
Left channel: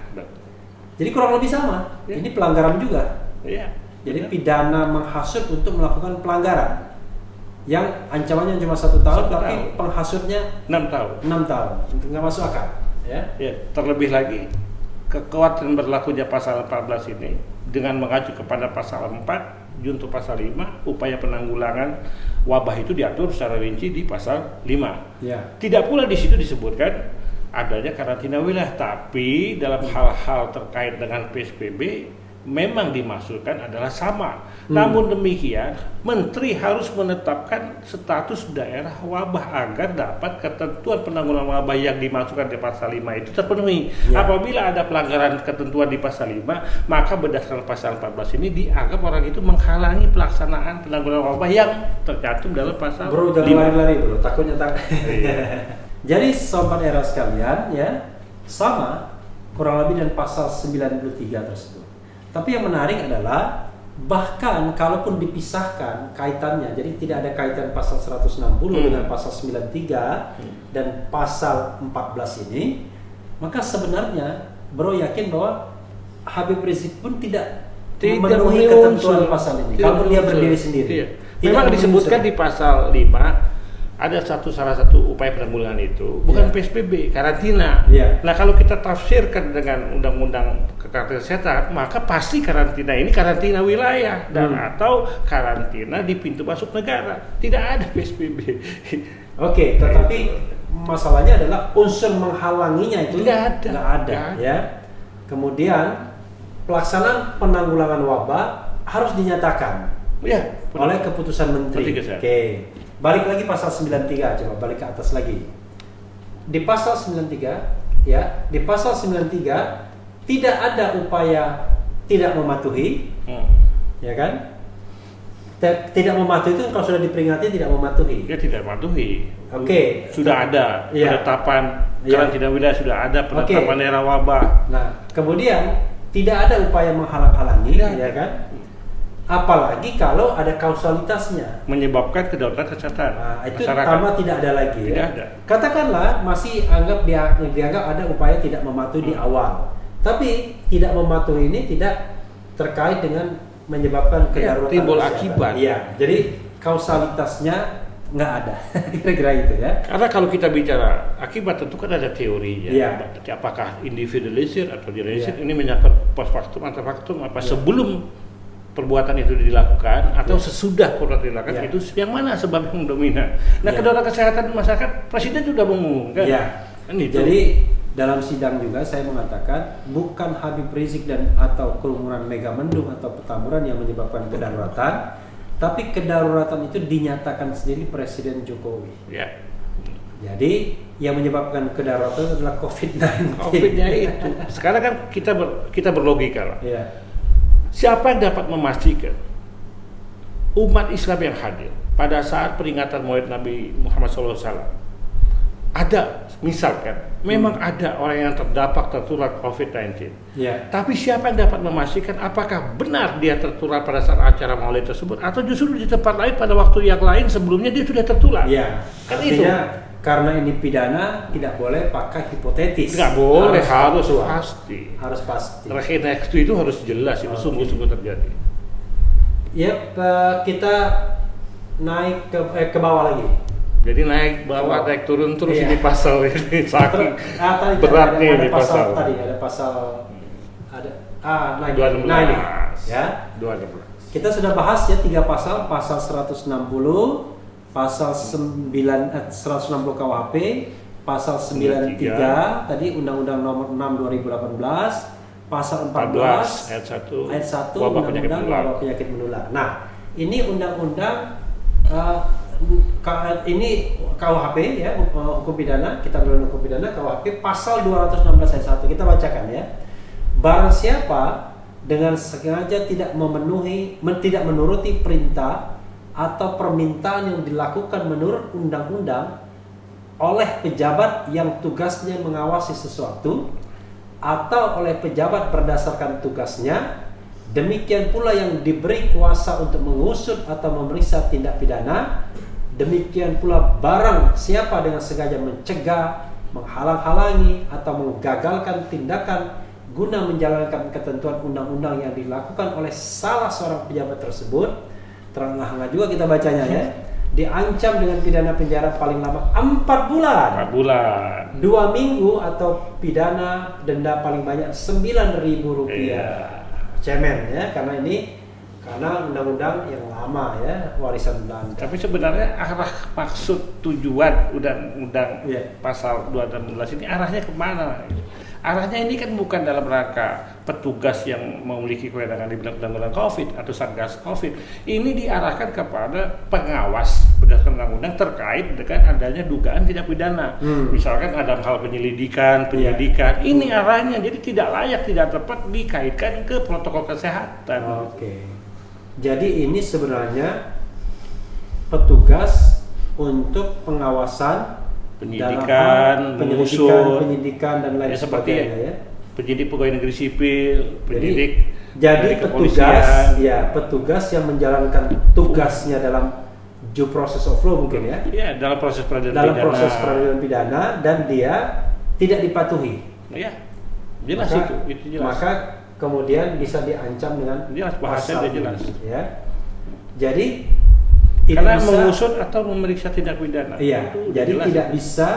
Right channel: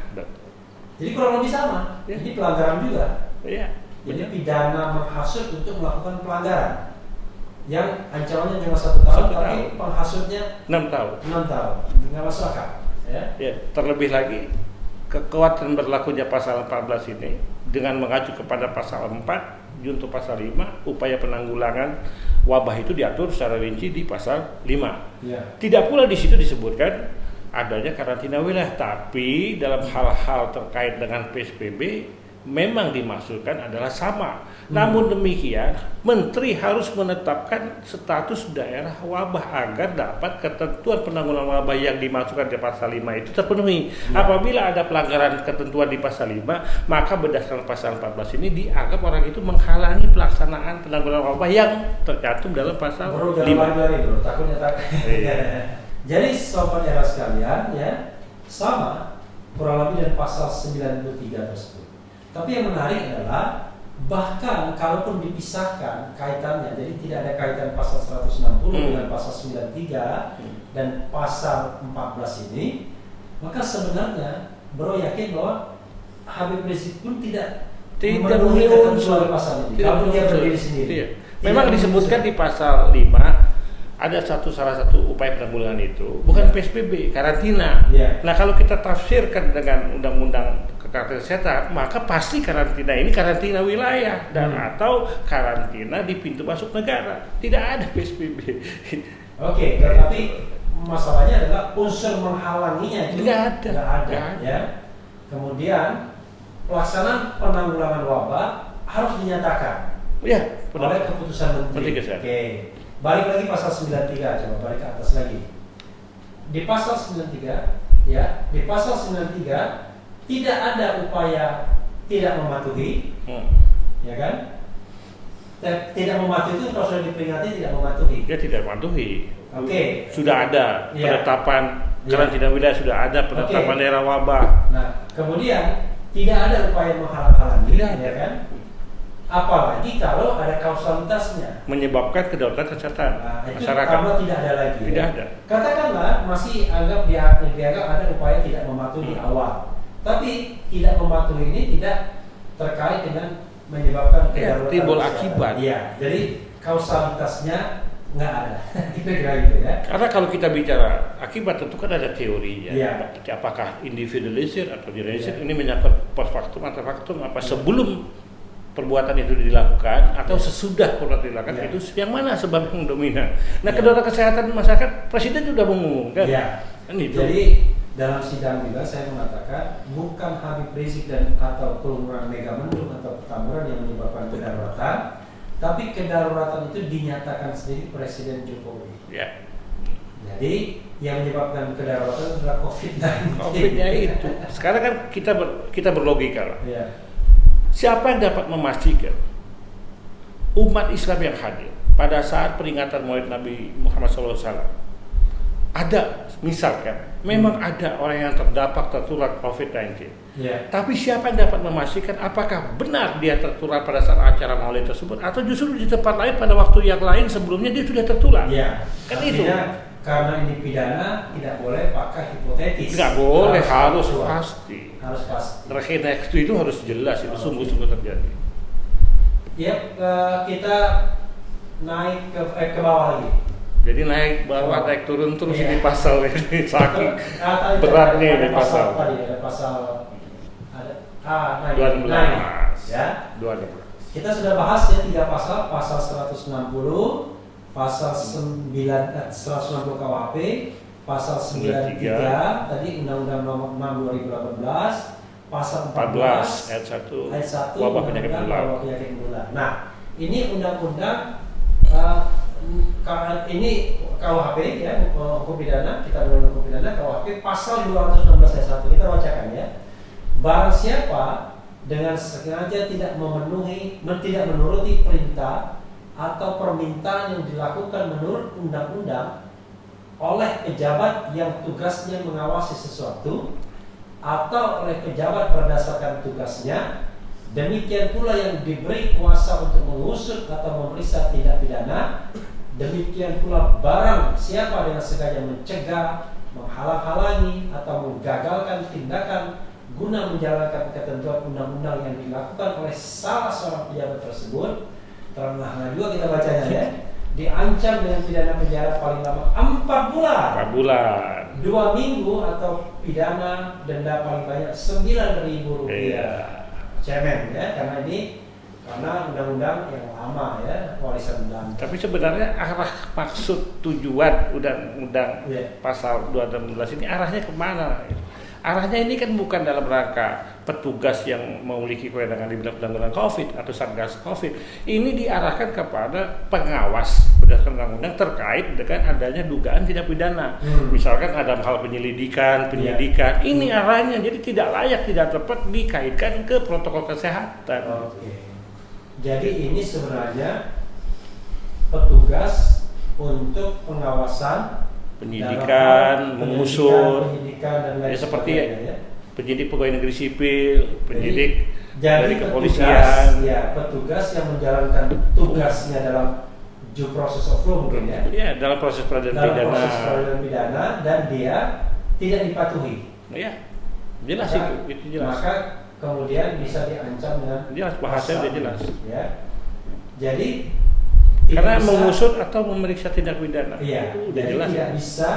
Jadi kurang lebih sama. Ya. Ini pelanggaran juga. Iya. Jadi pidana menghasut untuk melakukan pelanggaran. Yang ancamannya cuma 1 tahun, 1 tapi tahun. penghasutnya 6 tahun. 6 tahun. Itu nggak masuk akal. Ya. Ya, terlebih lagi kekuatan berlakunya pasal 14 ini dengan mengacu kepada pasal 4 junto pasal 5, upaya penanggulangan wabah itu diatur secara rinci di pasal 5. Ya. Tidak pula di situ disebutkan adanya karantina wilayah, tapi dalam hal-hal terkait dengan PSBB memang dimaksudkan adalah sama. Namun demikian, Menteri harus menetapkan status daerah wabah agar dapat ketentuan penanggulangan wabah yang dimasukkan di pasal 5 itu terpenuhi. Ya. Apabila ada pelanggaran ketentuan di pasal 5, maka berdasarkan pasal 14 ini dianggap orang itu menghalangi pelaksanaan penanggulangan wabah yang tercantum dalam pasal Bro, jangan 5. lari-lari bro, takutnya Iya. Jadi sobat era sekalian ya, sama kurang lebih dengan pasal 93 tersebut. Tapi yang menarik adalah bahkan kalaupun dipisahkan kaitannya, jadi tidak ada kaitan pasal 160 dengan pasal 93 dan pasal 14 ini, maka sebenarnya bro yakin bahwa Habib Rizik pun tidak memenuhi ketentuan pasal ini kalau dia berdiri sendiri. Iya. Memang disebutkan di pasal 5 ada salah satu upaya penanggulangan itu bukan PSBB, karantina. Nah, kalau kita tafsirkan dengan undang-undang kekarantinaan kesehatan, maka pasti karantina ini karantina wilayah dan atau karantina di pintu masuk negara. Tidak ada PSBB. Oke, tetapi masalahnya adalah unsur menghalanginya itu Nggak ada. ya. Kemudian pelaksanaan penanggulangan wabah harus dinyatakan Ya, oleh keputusan Menteri. Oke. Balik lagi pasal 93, coba balik ke atas lagi. Di pasal 93, ya, di pasal 93 tidak ada upaya tidak mematuhi, ya kan? Tidak mematuhi itu kalau sudah diperingati tidak mematuhi. Ya tidak mematuhi. Oke. Sudah ada penetapan karantina wilayah, sudah ada penetapan daerah wabah. Nah, kemudian tidak ada upaya menghalang-halangi, Tidak ya ada. kan? Apalagi kalau ada kausalitasnya. Menyebabkan kedaulatan kesehatan Nah, itu masyarakat. pertama tidak ada lagi. Tidak ya. ada. Katakanlah masih dianggap ada upaya tidak mematuhi di awal. Tapi tidak mematuhi ini tidak terkait dengan menyebabkan kedaruratan timbul kesehatan. akibat. Iya, jadi kausalitasnya nggak ada. Kira-kira gitu ya. Karena kalau kita bicara akibat tentu kan ada teorinya. Iya. Apakah individualisir atau generalisir, ini menyangkut post factum atau factum, apa sebelum perbuatan itu dilakukan atau sesudah perbuatan dilakukan, itu yang mana sebab yang dominan. Nah, kedaulatan kesehatan masyarakat presiden sudah mengumumkan. Kan itu. Jadi dalam sidang juga saya mengatakan bukan Habib Rizik dan atau kerumunan Megamendung atau Petamburan yang menyebabkan kedaruratan, tapi kedaruratan itu dinyatakan sendiri Presiden Jokowi. Ya. Jadi yang menyebabkan kedaruratan adalah COVID-19. COVID-nya itu. Sekarang kan kita berlogika lah. Ya. Siapa yang dapat memastikan umat Islam yang hadir pada saat peringatan Maulid Nabi Muhammad SAW ada, misalkan, memang ada orang yang tertular COVID-19. Ya. Tapi siapa yang dapat memastikan apakah benar dia tertular pada saat acara Maulid tersebut atau justru di tempat lain pada waktu yang lain sebelumnya dia sudah tertular? Ya. Kan Artinya, itu. karena ini pidana tidak boleh pakai hipotetis. Nggak boleh, harus faktual. pasti. Harus pasti. Rekening itu harus jelas, itu sungguh-sungguh terjadi. Ya, kita naik ke bawah lagi. Jadi naik bawah, naik turun terus Iya. ini pasal ini saking tadi beratnya ada ini pasal. Tadi ada pasal ada 216. ya. 216. Kita sudah bahas ya 3 pasal 160, pasal 160 KUHP, pasal 93 tadi Undang-Undang Nomor 6 2018, pasal 14 ayat 1 ayat 1 wabah penyakit Undang-Undang menular. Wabah Penyakit Menular. Nah, ini undang-undang ini KUHP ya, hukum pidana, kita bilang hukum pidana KUHP pasal 216 ayat 1. Kita bacakan ya. Barang siapa dengan sengaja tidak menuruti perintah atau permintaan yang dilakukan menurut undang-undang oleh pejabat yang tugasnya mengawasi sesuatu atau oleh pejabat berdasarkan tugasnya, demikian pula yang diberi kuasa untuk mengusut atau memeriksa tindak pidana, demikian pula barang siapa dengan sengaja mencegah, menghalang-halangi atau menggagalkan tindakan guna menjalankan ketentuan undang-undang yang dilakukan oleh salah seorang pejabat tersebut, terang-terangan juga kita bacanya ya, diancam dengan pidana penjara paling lama 4 bulan, 4 bulan, 2 minggu atau pidana denda paling banyak Rp9.000. Iya. Cemen ya, karena undang-undang yang lama ya, warisan Belanda. Tapi sebenarnya arah maksud tujuan undang-undang Iya. pasal 216 ini arahnya kemana? Arahnya ini kan bukan dalam rangka petugas yang memiliki kewenangan di bidang undang-undang COVID atau Satgas COVID. Ini diarahkan kepada pengawas berdasarkan undang-undang terkait dengan adanya dugaan tindak pidana. Misalkan ada hal penyidikan. Ini arahnya, jadi tidak layak, tidak tepat dikaitkan ke protokol kesehatan. Oke. Jadi ini sebenarnya petugas untuk pengawasan, Penyidikan, mengusut, penyidikan dan lain ya, seperti sebagainya ya. penyidik pegawai negeri sipil, penyidik Jadi dari kepolisian. petugas yang menjalankan tugasnya dalam due process of law mungkin ya. Ya, dalam proses peradilan Dalam pidana. proses peradilan pidana dan dia tidak dipatuhi. Ya, jelas itu jelas. Maka kemudian bisa diancam dengan Jelas, bahasanya pasal, udah jelas. Ya. Jadi Karena bisa, mengusut atau memeriksa tindak pidana. iya, Itu udah jadi jelas. tidak bisa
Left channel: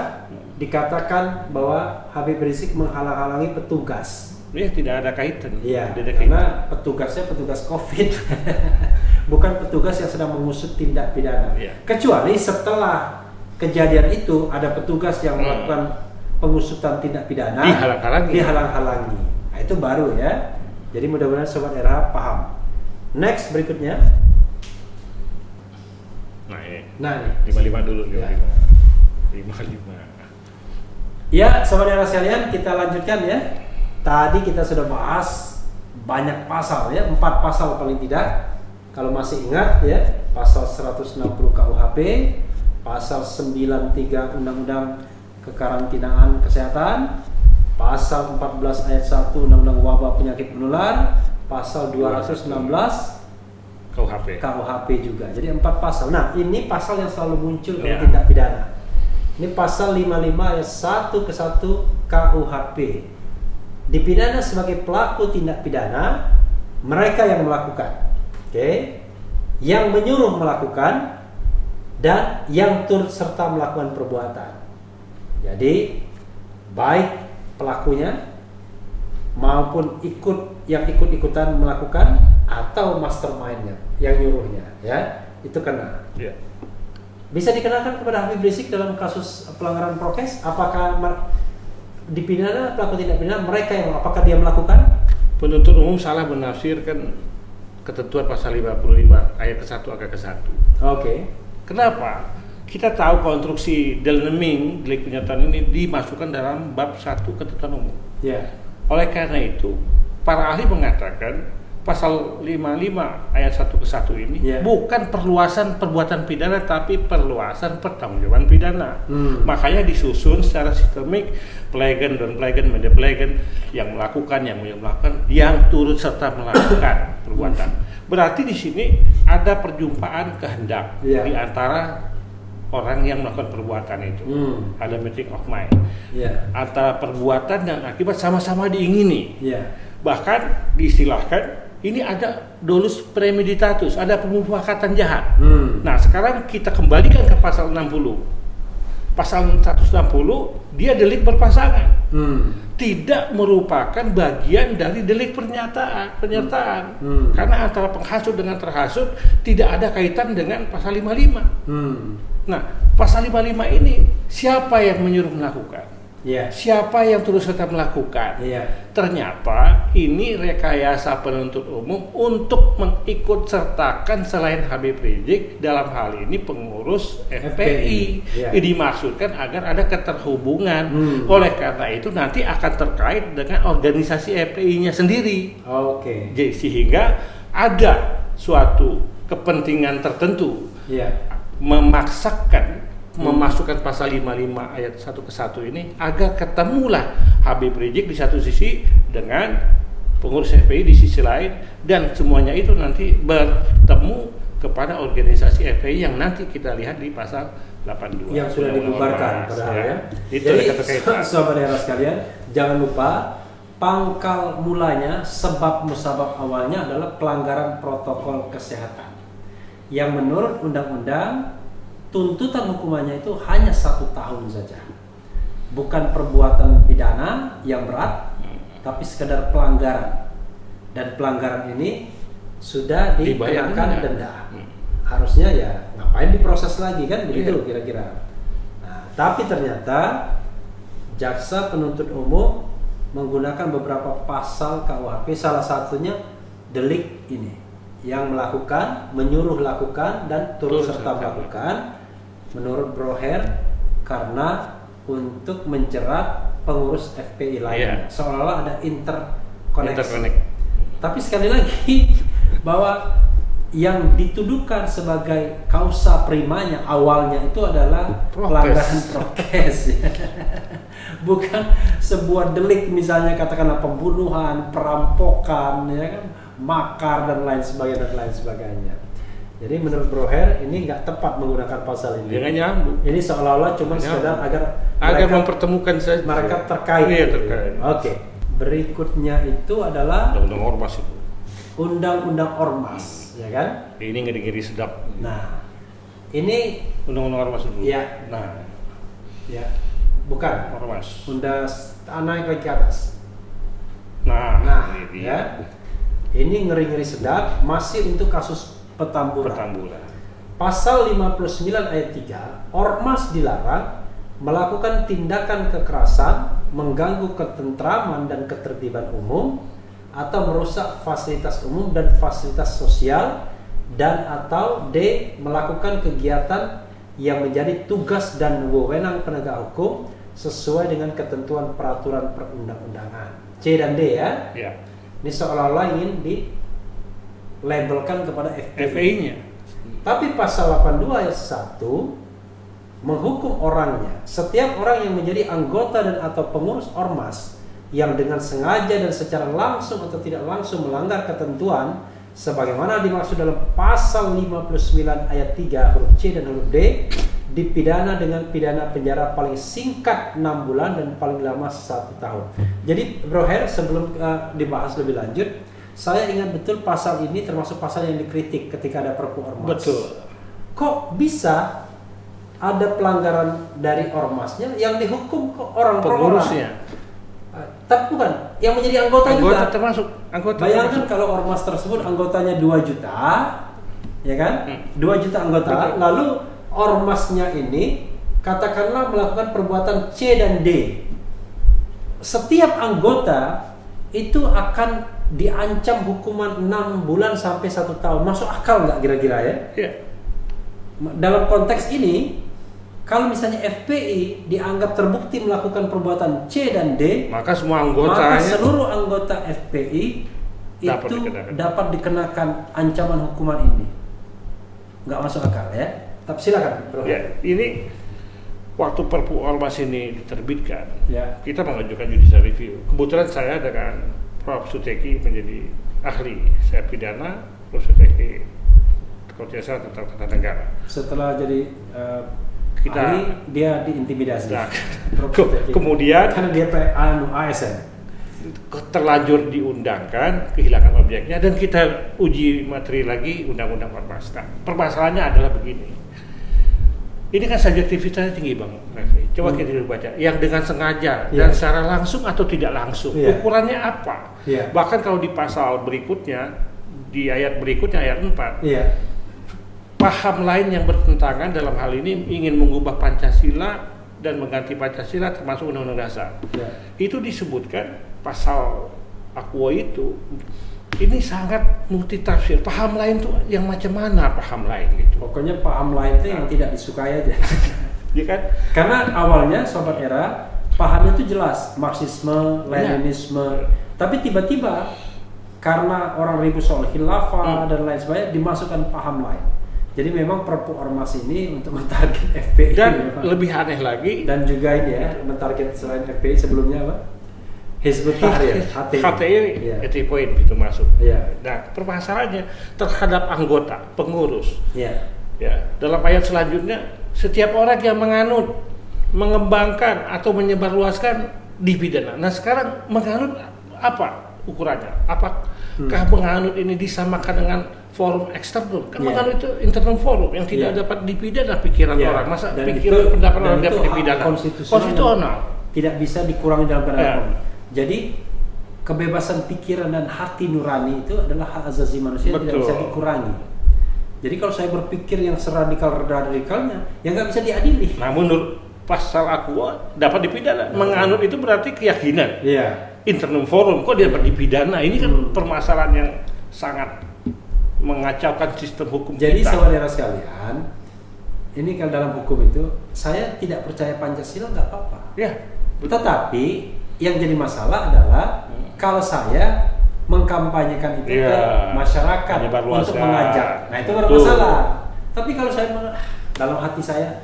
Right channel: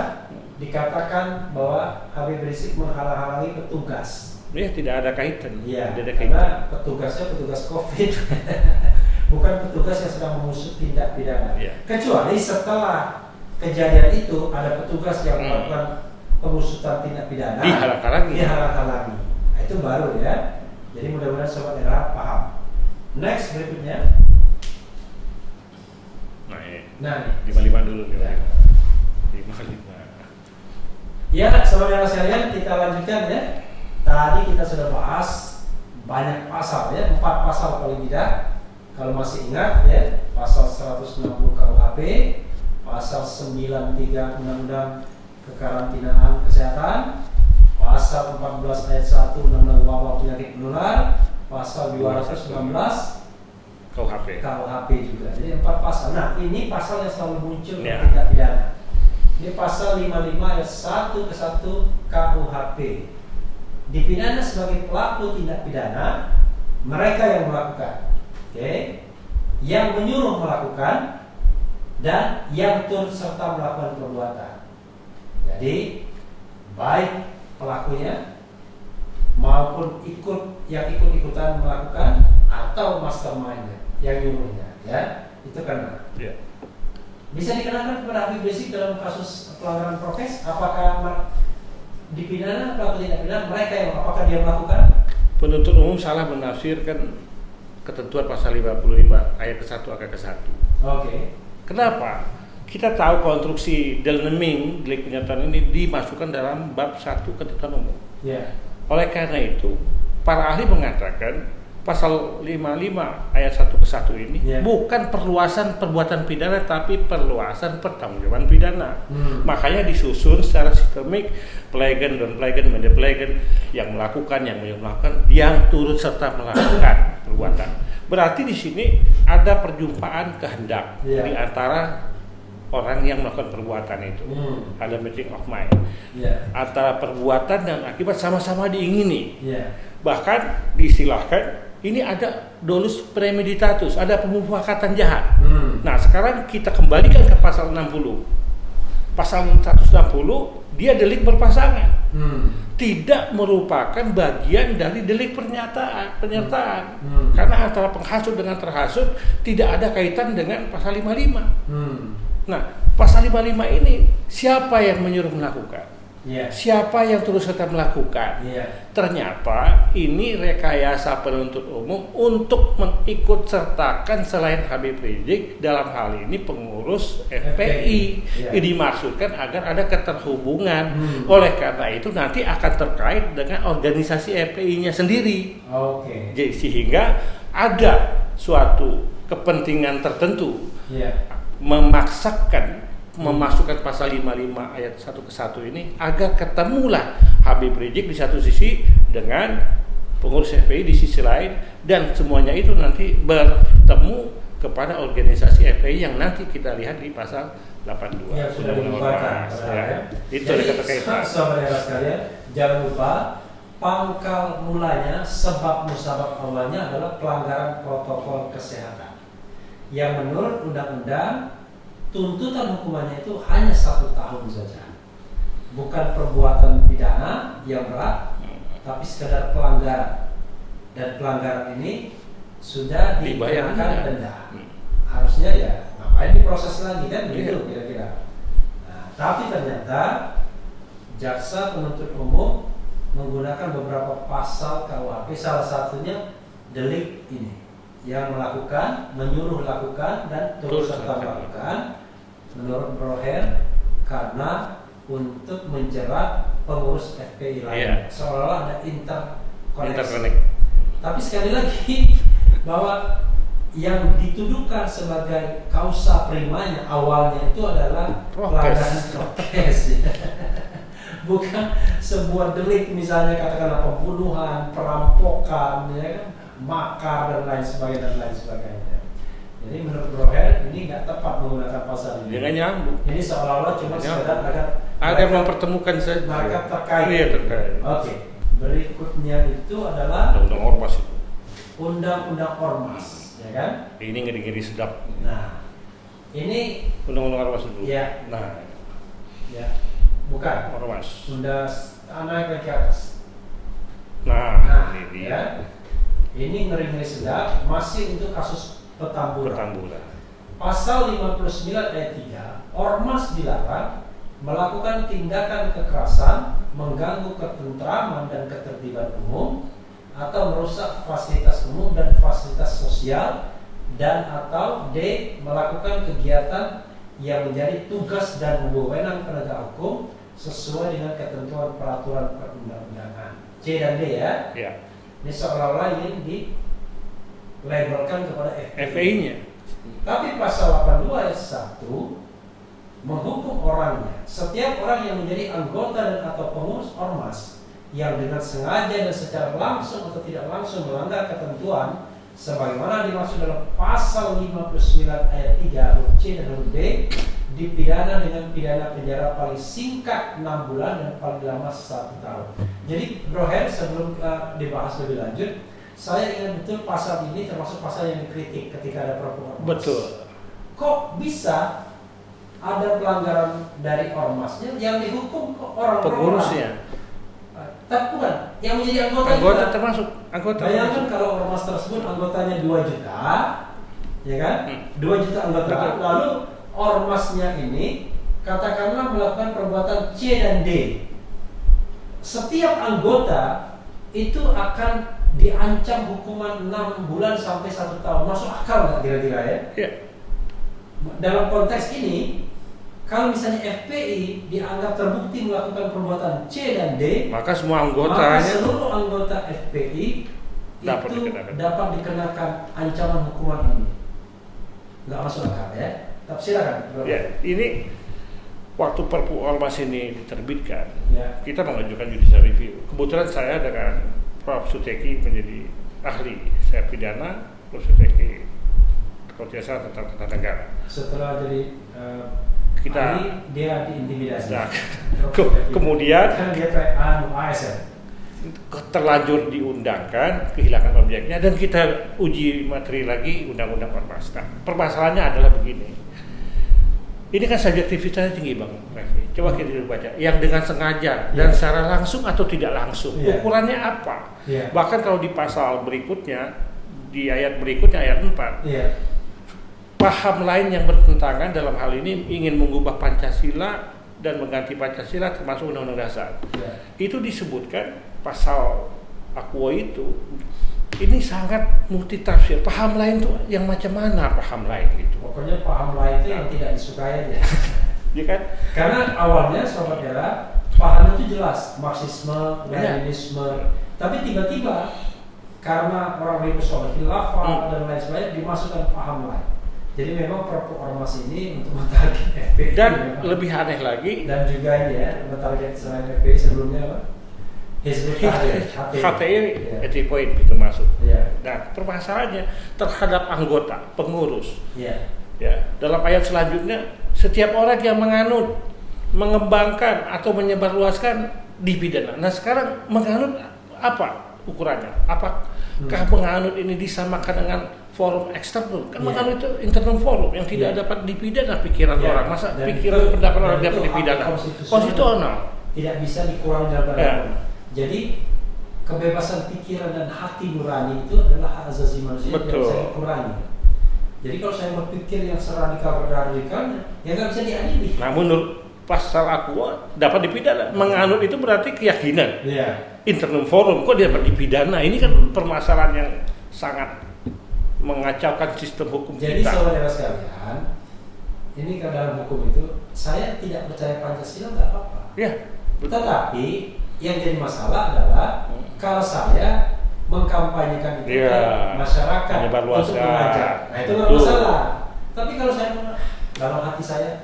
dikatakan bahwa Habib Rizik menghalang-halangi petugas. Ya, tidak ada kaitan. Iya, Tidak ada kaitan. karena petugasnya petugas COVID, bukan petugas yang sedang mengusut tindak pidana. Iya. Kecuali setelah kejadian itu ada petugas yang melakukan pengusutan tindak pidana, Dihalang-halangi. Nah, itu baru ya. Jadi mudah-mudahan sobat RH paham. Next berikutnya. Nah, ini. Nah, 55 dulu, 55. Ya. 55. ya sobat RH sekalian, kita lanjutkan ya. Tadi kita sudah bahas banyak pasal ya, 4 pasal paling tidak. Kalau masih ingat ya, pasal 160 KUHP, pasal 93 Undang-Undang Kekarantinaan Kesehatan, pasal 14 ayat 1 Undang-Undang Wabah Penyakit Menular, pasal 216 KUHP juga. Jadi 4 pasal. Nah, ini pasal yang selalu muncul dalam tindak pidana. Ini pasal 55 ayat 1 ke 1 KUHP. Dipidana sebagai pelaku tindak pidana mereka yang melakukan, yang menyuruh melakukan, dan yang turut serta melakukan perbuatan. Jadi baik pelakunya maupun ikut-ikutan melakukan atau mastermind-nya yang nyuruhnya, ya itu kena. Ya. Bisa dikenakan kepada Habib Rizik dalam kasus pelanggaran prokes. Apakah dipidana pelaku tindak pidana mereka yang apakah dia melakukan? Penuntut umum salah menafsirkan ketentuan pasal 55 ayat ke-1 angka ke-1. Oke. Kenapa? Kita tahu konstruksi delik penyitaan ini dimasukkan dalam bab 1 ketentuan umum. Ya. Oleh karena itu, para ahli mengatakan pasal 55 ayat 1 ke 1 ini bukan perluasan perbuatan pidana, tapi perluasan pertanggungjawaban pidana. Makanya disusun secara sistemik, pelegen, media pelegen, yang melakukan, yang turut serta melakukan perbuatan. Berarti di sini ada perjumpaan kehendak di antara orang yang melakukan perbuatan itu. Ada meeting of mind. Antara perbuatan dan akibat sama-sama diingini. Bahkan diistilahkan ini ada dolus premeditatus, ada pemufakatan jahat. Nah, sekarang kita kembalikan ke pasal 60. Pasal 160 dia delik berpasangan. Tidak merupakan bagian dari delik penyertaan. Karena antara penghasut dengan terhasut tidak ada kaitan dengan pasal 55. Nah, pasal 55 ini siapa yang menyuruh melakukan? Siapa yang terus serta melakukan? Ternyata ini rekayasa penuntut umum untuk mengikut sertakan selain Habib Rizik, dalam hal ini pengurus FPI. Ini dimaksudkan agar ada keterhubungan. Oleh karena itu nanti akan terkait dengan organisasi FPI-nya sendiri. Jadi sehingga ada suatu kepentingan tertentu memasukkan pasal 55 ayat 1 ke 1 ini agar ketemulah Habib Rizik di satu sisi dengan pengurus FPI di sisi lain, dan semuanya itu nanti bertemu kepada organisasi FPI yang nanti kita lihat di pasal 82 yang sudah dibubarkan. Itu ada keterkaitan. Saudara sekalian, jangan lupa pangkal mulanya, sebab musabab awalnya adalah pelanggaran protokol kesehatan yang menurut undang-undang tuntutan hukumannya itu hanya 1 tahun saja, bukan perbuatan pidana yang berat, tapi sekedar pelanggaran, dan pelanggaran ini sudah dikenakan denda. Harusnya ya ngapain diproses lagi kan, begitu kira-kira. Nah, tapi ternyata jaksa penuntut umum menggunakan beberapa pasal KUHP, salah satunya delik ini yang melakukan, menyuruh lakukan dan turut serta melakukan, menurut Broher karena untuk menjerat pengurus FPI lain, seolah-olah ada interkoneksi. Tapi sekali lagi bahwa yang dituduhkan sebagai kausa primanya awalnya itu adalah pelanggaran prokes, bukan sebuah delik, misalnya katakanlah pembunuhan, perampokan, ya kan, makar dan lain sebagainya. Jadi menurut Broher ini nggak tepat menggunakan pasal ini. Jangan nyambung. Ini seolah-olah cuma sekedar agar mempertemukan saja. Mereka terkait. Iya, terkait. Oke. Berikutnya itu adalah Undang-Undang Ormas itu. Undang-Undang Ormas, ya kan? Ini ngeri-ngeri sedap. Nah, ini Undang-Undang Ormas dulu. Iya. Nah, ya, bukan. Ormas. Naik ke atas. Nah, ini dia. Ya. Ini ngeri-ngeri sedap, masih untuk kasus Petamburan. Pasal 59 ayat 3, ormas dilarang melakukan tindakan kekerasan, mengganggu ketentraman dan ketertiban umum, atau merusak fasilitas umum dan fasilitas sosial, dan atau D. melakukan kegiatan yang menjadi tugas dan wewenang penegak hukum sesuai dengan ketentuan peraturan perundang-undangan. C dan D ya. Ini seolah-olah ingin dilabelkan kepada FPI-nya. Tapi pasal 82 ayat 1 menghukum orangnya. Setiap orang yang menjadi anggota dan atau pengurus ormas yang dengan sengaja dan secara langsung atau tidak langsung melanggar ketentuan sebagaimana dimaksud dalam pasal 59 ayat 3 huruf C dan huruf D dipidana dengan pidana penjara paling singkat 6 bulan dan paling lama 1 tahun. Jadi Broher, sebelum dibahas lebih lanjut, saya ingat betul pasal ini termasuk pasal yang dikritik ketika ada Perpu Ormas. Betul. Kok bisa ada pelanggaran dari ormasnya yang dihukum ke orang pengurusnya? Tapi bukan, yang menjadi anggota juga. Termasuk anggota. Bayangkan kalau ormas tersebut anggotanya 2 juta, ya kan? 2 juta anggota. Betul. Lalu ormasnya ini katakanlah melakukan perbuatan C dan D. Setiap anggota itu akan diancam hukuman 6 bulan sampai 1 tahun. Masuk akal nggak kira-kira ya? Iya. Dalam konteks ini, kalau misalnya FPI dianggap terbukti melakukan perbuatan C dan D, maka semua anggotanya, maka seluruh anggota FPI dapat dikenakan ancaman hukuman ini. Nggak masuk akal ya? Tapi silakan. Ya, ini waktu Perpu Ormas ini diterbitkan, ya, kita mengajukan judicial review. Kebetulan saya dengan Prof. Suteki menjadi ahli, saya pidana, Prof. Suteki kalau tidak salah tentang tata negara. Setelah jadi kita ahli, dia diintimidasi. Nah, kemudian karena dia ASN. terlanjur diundangkan, kehilangan objeknya, dan kita uji materi lagi Undang-Undang Ormas. Nah, permasalahannya adalah begini. Ini kan subjektivitasnya tinggi Bang Refli. Coba kita baca. Yang dengan sengaja dan secara langsung atau tidak langsung. Ukurannya apa? Bahkan kalau di pasal berikutnya, di ayat berikutnya, ayat 4. Paham lain yang bertentangan dalam hal ini ingin mengubah Pancasila dan mengganti Pancasila termasuk Undang-Undang Dasar. Itu disebutkan pasal Aqua itu. Ini sangat multitafsir. Paham lain tuh yang macam mana paham lain gitu. Pokoknya paham lain itu yang tidak disukai aja. Ya kan? Karena awalnya Sobat Era pahamnya itu jelas, Marxisme, Leninisme. Tapi tiba-tiba karena orang ribut soal khilafah dan lain sebagainya dimasukkan paham lain. Jadi memang Perpu Ormas ini untuk mentarget FPI. Dan lebih aneh lagi. Dan juga ini ya, mentarget selain FPI sebelumnya apa? Hizbut Tahrir, HTI, point itu masuk. Nah, permasalahannya terhadap anggota, pengurus. Ya, dalam ayat selanjutnya, setiap orang yang menganut, mengembangkan atau menyebarluaskan dipidana. Nah, sekarang menganut apa ukurannya? Apakah menganut ini disamakan dengan forum eksternal? Kan menganut itu internal forum yang tidak dapat dipidana pikiran orang. Masa pikiran pendapat orang dapat dipidana? Konstitusional. Tidak bisa dikurangi dalam pendapat. Jadi kebebasan pikiran dan hati nurani itu adalah hak asasi manusia yang tidak bisa dikurangi. Jadi kalau saya berpikir yang seradikal-radikalnya, ya nggak bisa diadili. Nah, menurut pasal Aqua dapat dipidana. Menganut itu berarti keyakinan. Internal forum kok dia dapat dipidana? Ini kan permasalahan yang sangat mengacaukan sistem hukum kita. Jadi saudara sekalian, ini kalau dalam hukum itu saya tidak percaya Pancasila nggak apa-apa. Tetapi yang jadi masalah adalah kalau saya mengkampanyekan itu ke masyarakat untuk mengajak, nah itu baru masalah. Tapi kalau saya dalam hati saya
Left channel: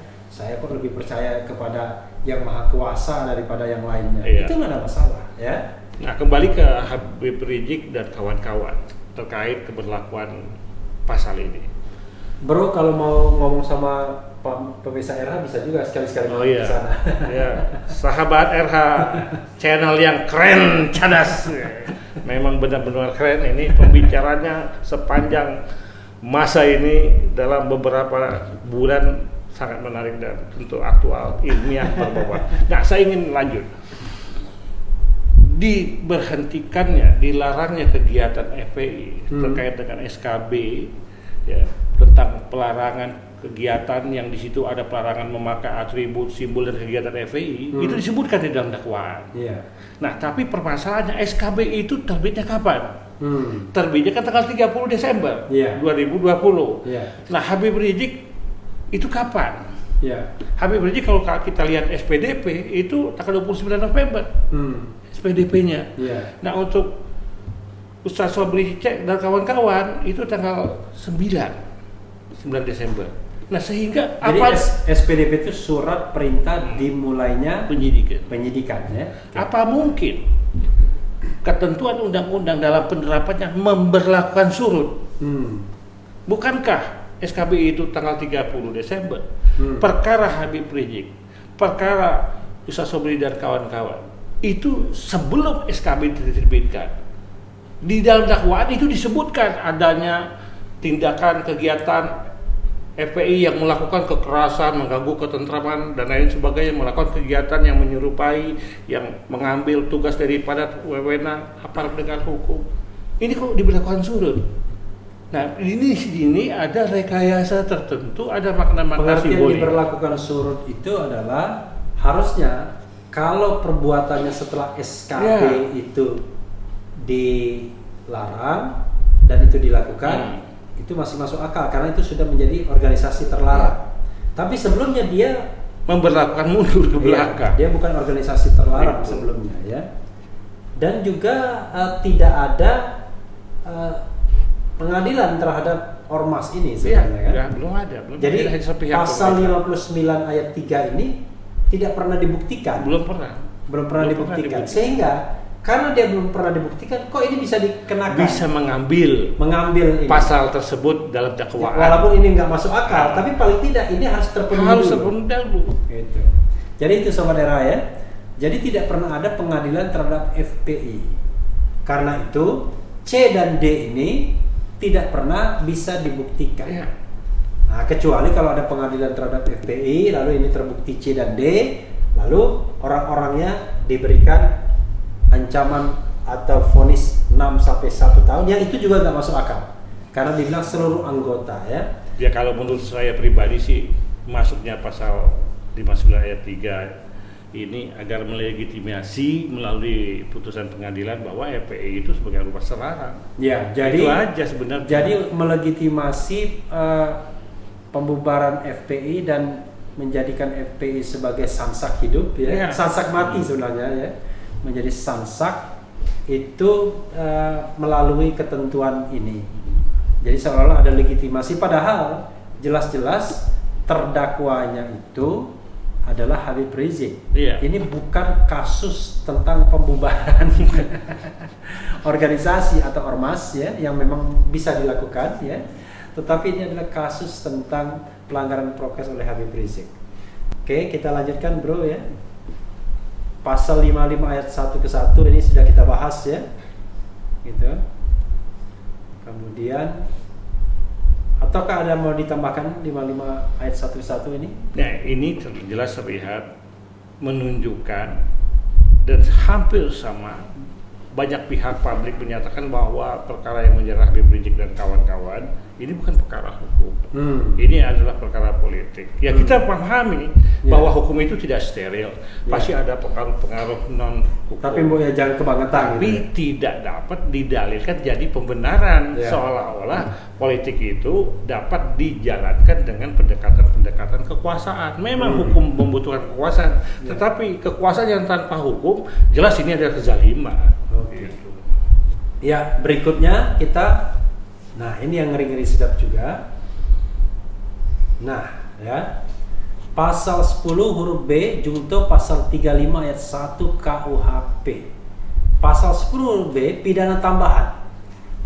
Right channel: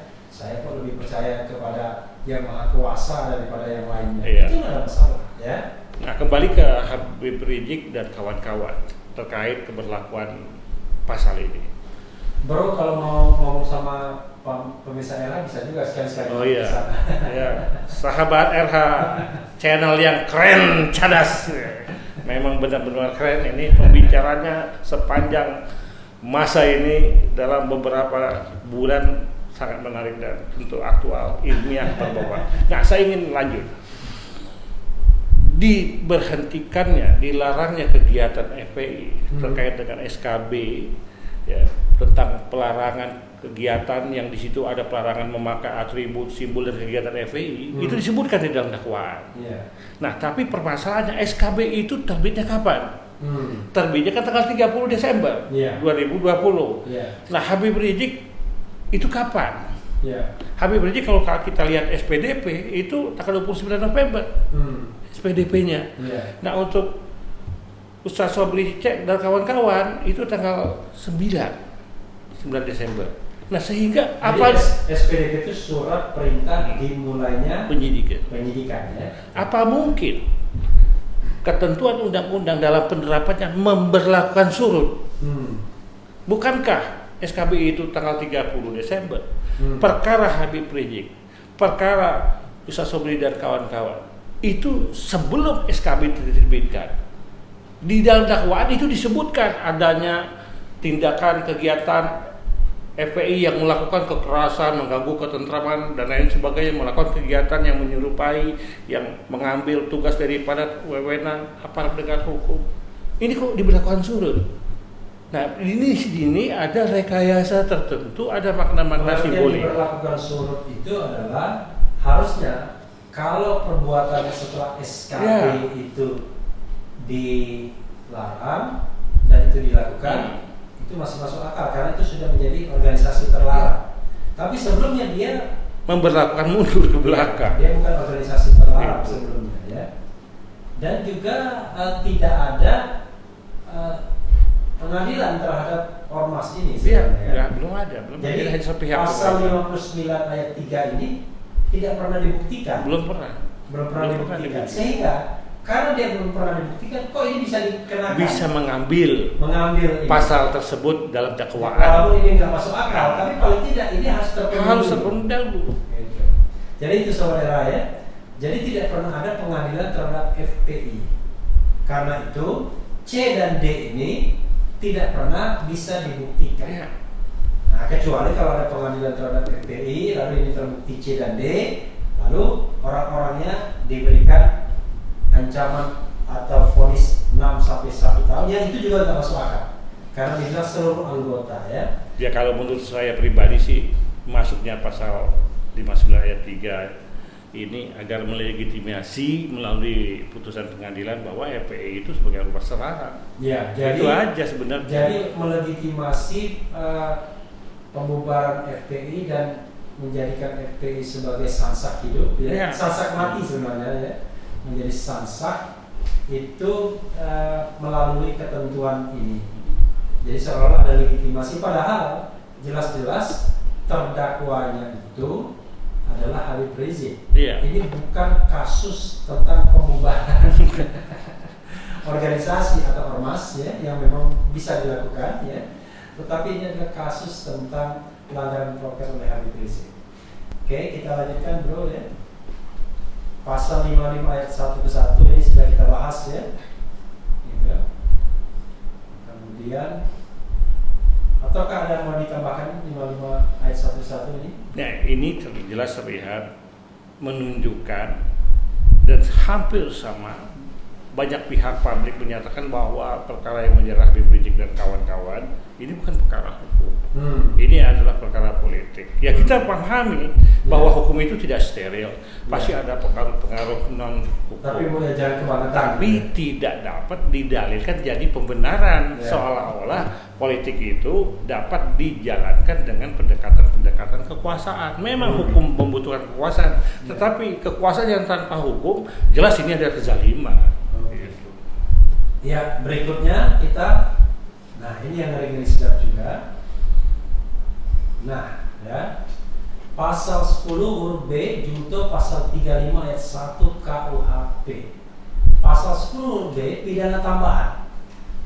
kok lebih percaya kepada yang maha kuasa daripada yang lainnya, itu nggak ada masalah, ya. Nah, kembali ke Habib Rizik dan kawan-kawan terkait keberlakuan pasal ini. Bro, kalau mau ngomong sama pemirsa RH bisa juga sekali-sekali ke sana. Sahabat RH channel yang keren, cadas. Memang benar-benar keren ini pembicaranya sepanjang masa ini dalam beberapa bulan sangat menarik dan tentu aktual, ilmiah, berbobot. Nah, saya ingin lanjut. Diberhentikannya, dilarangnya kegiatan FPI terkait dengan SKB tentang pelarangan kegiatan yang di situ ada pelarangan memakai atribut, simbol dan kegiatan FPI itu disebutkan di dalam dakwaan. Nah, tapi permasalahannya SKB itu terbitnya kapan? Terbitnya kan tanggal 30 Desember 2020. Nah, Habib Rizik itu kapan? Habib Rizik kalau kita lihat SPDP itu tanggal 29 November. SPDP-nya. Nah, untuk Ustaz Sobri Cek dan kawan-kawan itu tanggal 9 Desember. Nah, sehingga jadi SPDP itu surat perintah dimulainya penyidikan ya. Apa mungkin ketentuan undang-undang dalam penerapannya memberlakukan surut? Bukankah SKB itu tanggal 30 Desember? Perkara Habib Rizik, perkara Ustaz Sobri dan kawan-kawan itu sebelum SKB diterbitkan. Di dalam dakwaan itu disebutkan adanya tindakan kegiatan FPI yang melakukan kekerasan, mengganggu ketentraman dan lain sebagainya, melakukan kegiatan yang menyerupai, yang mengambil tugas daripada wewenang aparat penegak hukum. Ini kok diberlakukan surut? Nah, ini ada rekayasa tertentu, ada makna-makna simbolik. Yang diberlakukan surut itu adalah harusnya kalau perbuatannya setelah SKB itu dilarang dan itu dilakukan, itu masih masuk akal karena itu sudah menjadi organisasi terlarang. Tapi sebelumnya dia memberlakukan mundur ke belakang. Dia bukan organisasi terlarang sebelumnya, ya. Dan juga tidak ada pengadilan terhadap ormas ini sebenarnya. Ya, belum ada. Jadi pasal 59 ayat 3 ini tidak pernah dibuktikan. Belum pernah dibuktikan. Sehingga karena dia belum pernah dibuktikan, kok ini bisa dikenakan? Bisa mengambil ini. Pasal tersebut dalam dakwaan. Walaupun ini nggak masuk akal, tapi paling tidak ini harus terpenuhi. Dulu. Gitu. Jadi itu saudara ya. Jadi tidak pernah ada pengadilan terhadap FPI. Karena itu C dan D ini tidak pernah bisa dibuktikan. Iya. Nah, kecuali kalau ada pengadilan terhadap FPI, lalu ini terbukti C dan D, lalu orang-orangnya diberikan ancaman atau vonis 6 sampai 1 tahun, yang itu juga nggak masuk akal. Karena dibilang seluruh anggota ya. Ya kalau menurut saya pribadi sih masuknya pasal 59 ayat 3 ini agar melegitimasi melalui putusan pengadilan bahwa FPI itu sebagai rumah serarang. Ya, jadi itu aja sebenarnya. Jadi melegitimasi pembubaran FPI dan menjadikan FPI sebagai sansak hidup, ya. Sansak mati sebenarnya ya, menjadi sansak itu melalui ketentuan ini. Jadi seolah-olah ada legitimasi, padahal jelas-jelas terdakwanya itu adalah Habib Rizik. Iya. Ini bukan kasus tentang pembubaran organisasi atau ormas ya, yang memang bisa dilakukan ya. Tetapi ini adalah kasus tentang pelanggaran prokes oleh Habib Rizik. Oke, kita lanjutkan bro ya. Pasal 55 ayat 1 ke 1 ini sudah kita bahas ya. Gitu. Kemudian ataukah ada mau ditambahkan 55 ayat 1 ke 1 ini? Nah, ini jelas terlihat menunjukkan dan hampir sama, banyak pihak publik menyatakan bahwa perkara yang menyerang Habib Rizik dan kawan-kawan ini bukan perkara hukum. Ini adalah perkara politik. Ya kita pahami bahwa hukum itu tidak steril. Pasti ada pengaruh-pengaruh non hukum. Tapi ya jangan kebangetan. Tapi tidak dapat didalilkan jadi pembenaran, seolah-olah politik itu dapat dijalankan dengan pendekatan-pendekatan kekuasaan. Memang hukum membutuhkan kekuasaan, tetapi kekuasaan yang tanpa hukum jelas ini adalah kezaliman. Gitu. Ya, berikutnya kita, nah ini yang ngeri-ngeri sedap juga. Nah, ya. Pasal 10 huruf B junto pasal 35 ayat 1 KUHP. Pasal 10 huruf B pidana tambahan,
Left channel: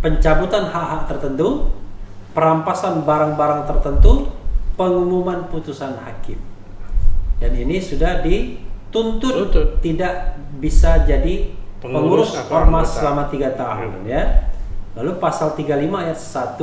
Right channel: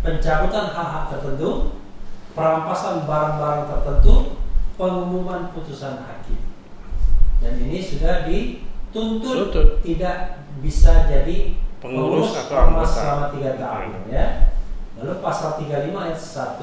pencabutan hak-hak tertentu, perampasan barang-barang tertentu, pengumuman putusan hakim. Dan ini sudah dituntut tidak bisa jadi pengurus ormas selama 3 tahun ya. Lalu pasal 35 ayat 1,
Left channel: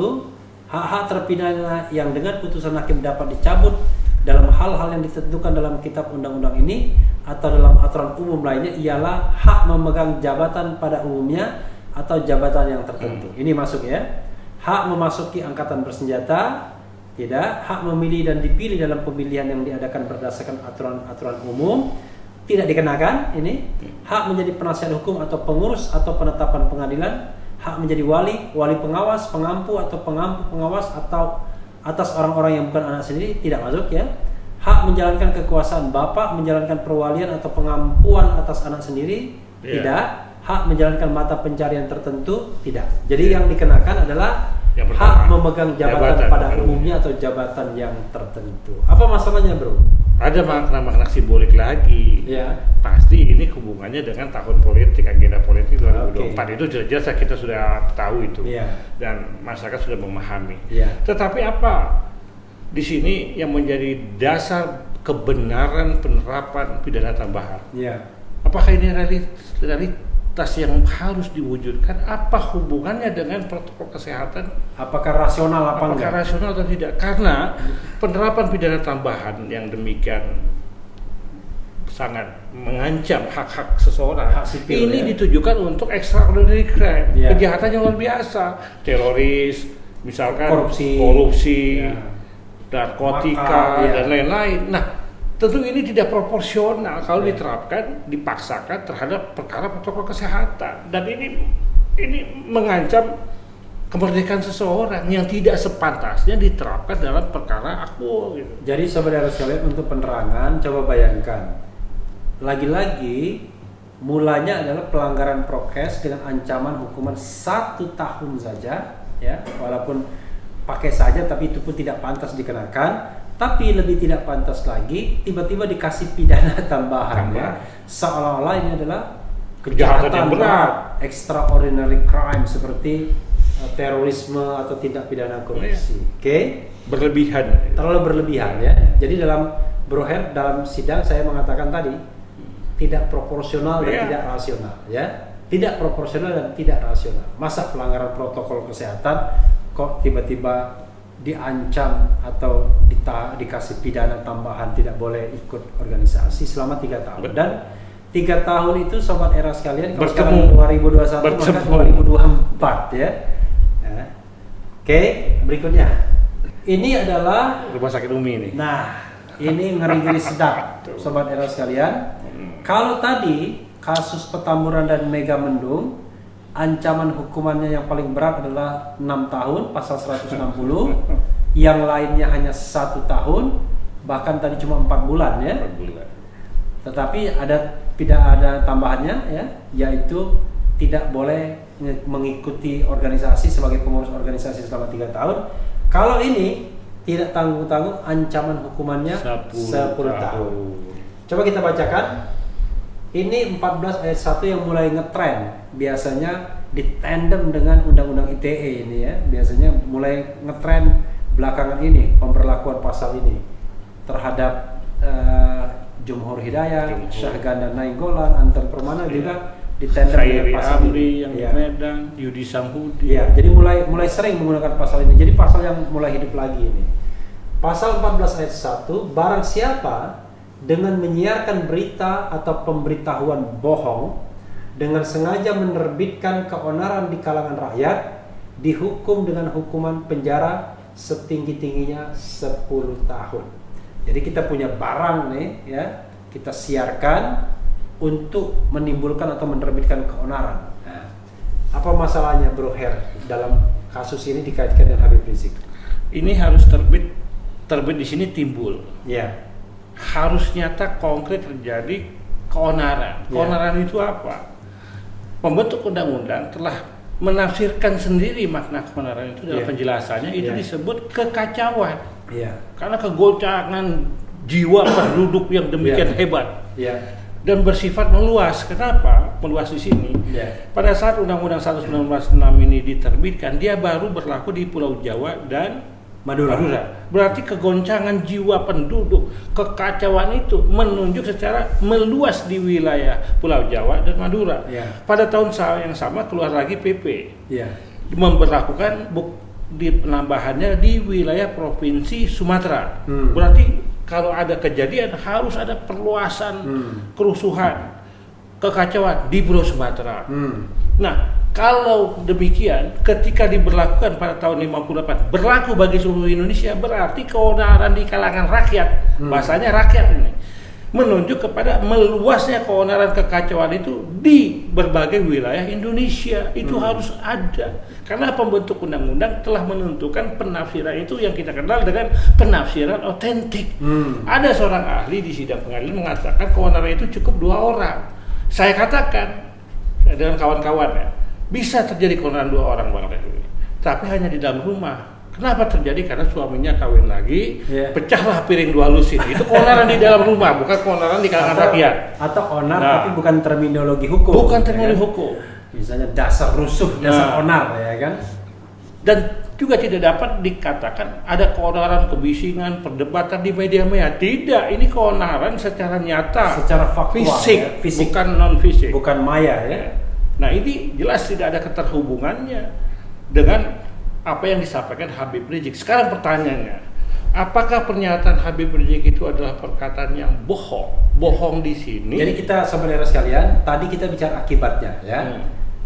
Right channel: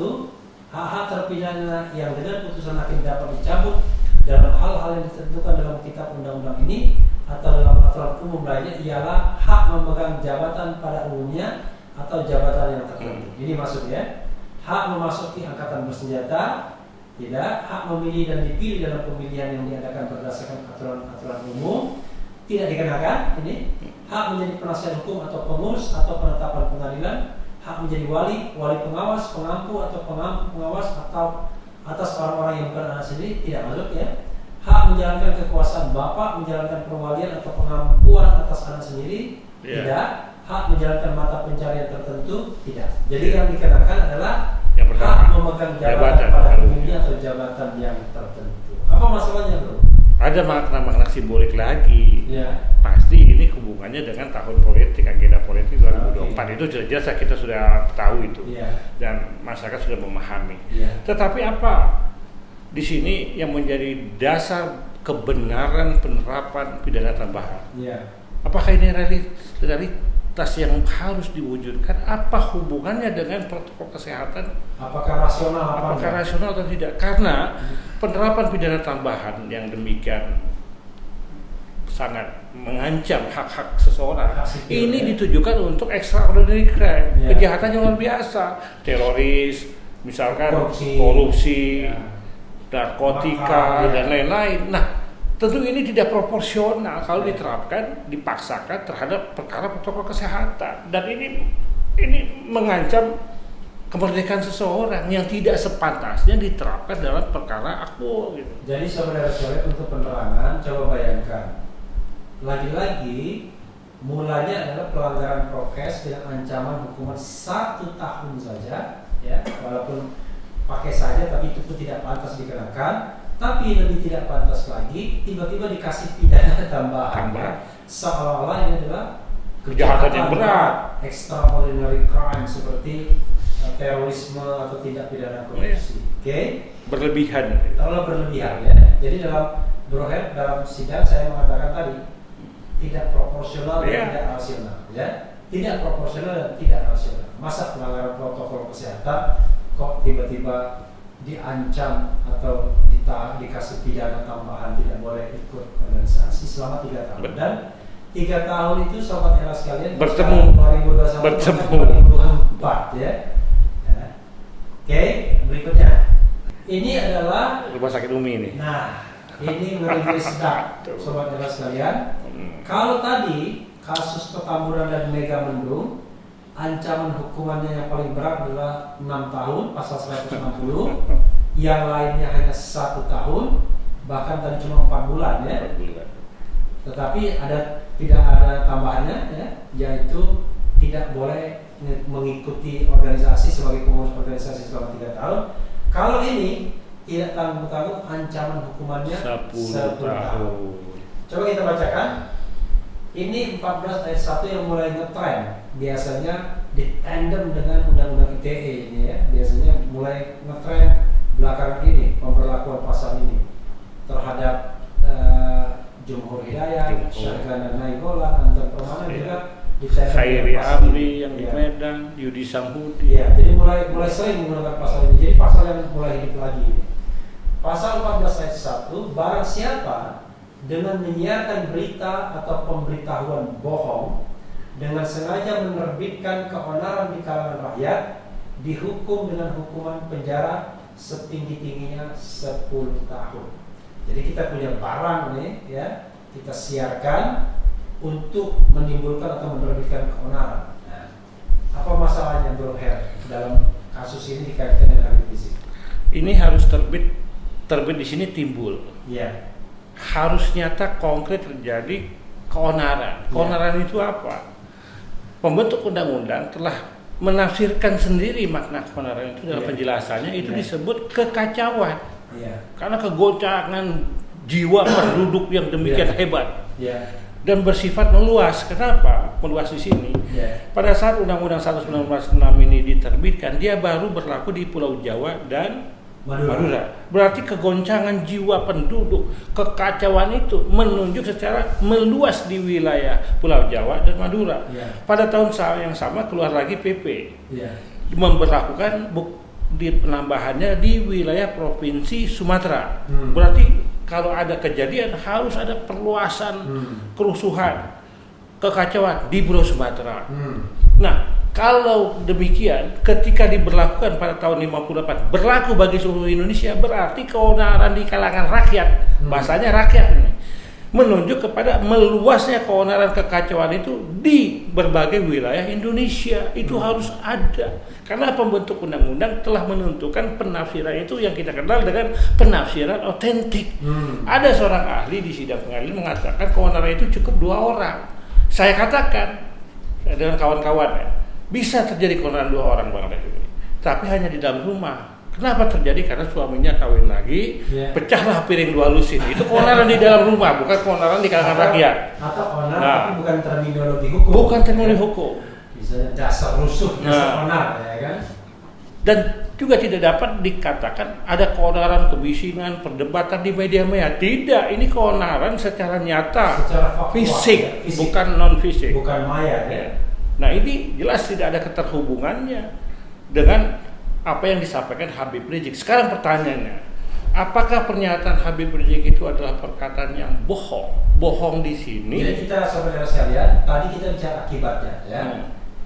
hak-hak terpidana yang dengan putusan hakim dapat dicabut dalam hal-hal yang ditentukan dalam kitab undang-undang ini atau dalam aturan umum lainnya ialah hak memegang jabatan pada umumnya atau jabatan yang tertentu. Ini masuk ya. Hak memasuki angkatan bersenjata, tidak. Hak memilih dan dipilih dalam pemilihan yang diadakan berdasarkan aturan-aturan umum, tidak dikenakan ini. Hak menjadi penasihat hukum atau pengurus atau penetapan pengadilan, hak menjadi wali pengawas, pengampu atau pengampu pengawas atau atas orang-orang yang bukan anak sendiri, tidak masuk ya. Hak menjalankan kekuasaan bapak, menjalankan perwalian atau pengampuan atas anak sendiri, tidak. Hak menjalankan mata pencarian tertentu, tidak. Jadi yang dikenakan adalah yang hak memegang jabatan pada umumnya atau jabatan yang tertentu. Apa masalahnya bro? Ada makna-makna simbolik lagi. Ya. Pasti ini hubungannya dengan tahun politik, agenda politik 2024. Itu jelas kita sudah tahu itu. Ya. Dan masyarakat sudah memahami. Ya. Tetapi apa di sini yang menjadi dasar kebenaran penerapan pidana tambahan? Ya. Apakah ini realitas yang harus diwujudkan? Apa hubungannya dengan protokol kesehatan? Apakah rasional apa Apakah rasional atau tidak? Karena penerapan pidana tambahan yang demikian sangat mengancam hak-hak seseorang, hak sipil, ini ditujukan untuk extraordinary crime, kejahatan yang luar biasa, teroris, misalkan korupsi, narkotika, dan lain-lain. Nah, tentu ini tidak proporsional kalau diterapkan, dipaksakan terhadap perkara protokol kesehatan, dan ini mengancam kemerdekaan seseorang yang tidak sepantasnya diterapkan dalam perkara akul gitu. Jadi saudara sekalian, untuk penerangan, coba bayangkan, lagi-lagi mulanya adalah pelanggaran prokes dengan ancaman hukuman 1 tahun saja, ya, walaupun pakai saja, tapi itu pun tidak pantas dikenakan. Tapi lebih tidak pantas lagi, tiba-tiba dikasih pidana tambahan. Ya. Seolah-olah ini adalah kejahatan yang berat, extraordinary crime seperti terorisme atau tindak pidana korupsi. Oke? Berlebihan. Terlalu berlebihan ya. Jadi dalam Bro Her, dalam sidang saya mengatakan tadi, tidak proporsional dan Iya. tidak rasional, ya. Tidak proporsional dan tidak rasional. Masa pelanggaran protokol kesehatan kok tiba-tiba diancam atau dikasih pidana tambahan tidak boleh ikut organisasi selama 3 tahun. Dan 3 tahun itu sobat era sekalian Bertemu. 2021 Bertemu. 2024 ya. Nah, oke, berikutnya. Ini adalah Rumah sakit Umi ini. nah, ini ngeri-ngeri sedap sobat era sekalian. Kalau tadi kasus Petamburan dan Megamendung ancaman hukumannya yang paling berat adalah 6 tahun pasal 160, yang lainnya hanya 1 tahun, bahkan tadi cuma 4 bulan ya. 4 bulan. Tetapi tidak ada tambahannya ya, yaitu tidak boleh mengikuti organisasi sebagai pengurus organisasi selama 3 tahun. Kalau ini tidak tanggung-tanggung, ancaman hukumannya 10 tahun. Coba kita bacakan. Ini 14 ayat 1 yang mulai ngetren. Biasanya ditandem dengan undang-undang ITE ini ya. Biasanya mulai ngetren belakangan ini pemberlakuan pasal ini terhadap Jumhur Hidayat, Syahganda Nainggolan, Anton Permana juga ditandem Khairi dengan pasal Amri ini. yang di Ya. Medan, Yudi Samhudi. Iya, jadi mulai sering menggunakan pasal ini. Jadi pasal yang mulai hidup lagi ini. Pasal 14 ayat 1, barang siapa dengan menyiarkan berita atau pemberitahuan bohong dengan sengaja menerbitkan keonaran di kalangan rakyat, dihukum dengan hukuman penjara setinggi-tingginya 10 tahun. Jadi kita punya barang nih ya, kita siarkan untuk menimbulkan atau menerbitkan keonaran. Nah, apa masalahnya Bro Her dalam kasus ini dikaitkan dengan Habib Rizik? Ini harus terbit di sini timbul. Ya. Harus nyata konkret terjadi keonaran. Keonaran itu apa? Pembentuk undang-undang telah menafsirkan sendiri makna keonaran itu dalam penjelasannya, itu disebut kekacauan. Karena kegoncangan jiwa penduduk yang demikian hebat. Dan bersifat meluas. Kenapa meluas di sini? Pada saat Undang-Undang 1996 ini diterbitkan, dia baru berlaku di Pulau Jawa dan Madura. Berarti kegoncangan jiwa penduduk, kekacauan itu menunjuk secara meluas di wilayah Pulau Jawa dan Madura. Pada tahun yang sama keluar lagi PP memberlakukan di penambahannya di wilayah provinsi Sumatera. Berarti kalau ada kejadian harus ada perluasan kerusuhan, kekacauan di Pulau Sumatera. Nah, kalau demikian, ketika diberlakukan pada tahun 58 berlaku bagi seluruh Indonesia, berarti keonaran di kalangan rakyat, bahasanya rakyat ini, menunjuk kepada meluasnya keonaran kekacauan itu di berbagai wilayah Indonesia. Itu harus ada, karena pembentuk undang-undang telah menentukan penafsiran itu yang kita kenal dengan penafsiran otentik. Ada seorang ahli di sidang pengadilan mengatakan keonaran itu cukup 2 orang. Saya katakan dengan kawan-kawan ya, bisa terjadi keonaran 2 orang Bang Refli, tapi hanya di dalam rumah. Kenapa terjadi? Karena suaminya kawin lagi, pecahlah piring 2 lusin. Itu keonaran di dalam rumah, bukan keonaran di kalangan rakyat. Atau onar, tapi bukan terminologi hukum. Bukan terminologi hukum. Misalnya dasar rusuh, dasar onar, ya kan? Dan juga tidak dapat dikatakan ada keonaran, kebisingan, perdebatan di media-media. Tidak, ini keonaran secara nyata, secara faktual, fisik, fisik, bukan non fisik, bukan maya ya. Nah, ini jelas tidak ada keterhubungannya dengan apa yang disampaikan Habib Rizik. Sekarang pertanyaannya, apakah pernyataan Habib Rizik itu adalah perkataan yang bohong? Bohong di sini. Jadi kita saudara sekalian, tadi kita bicara akibatnya ya.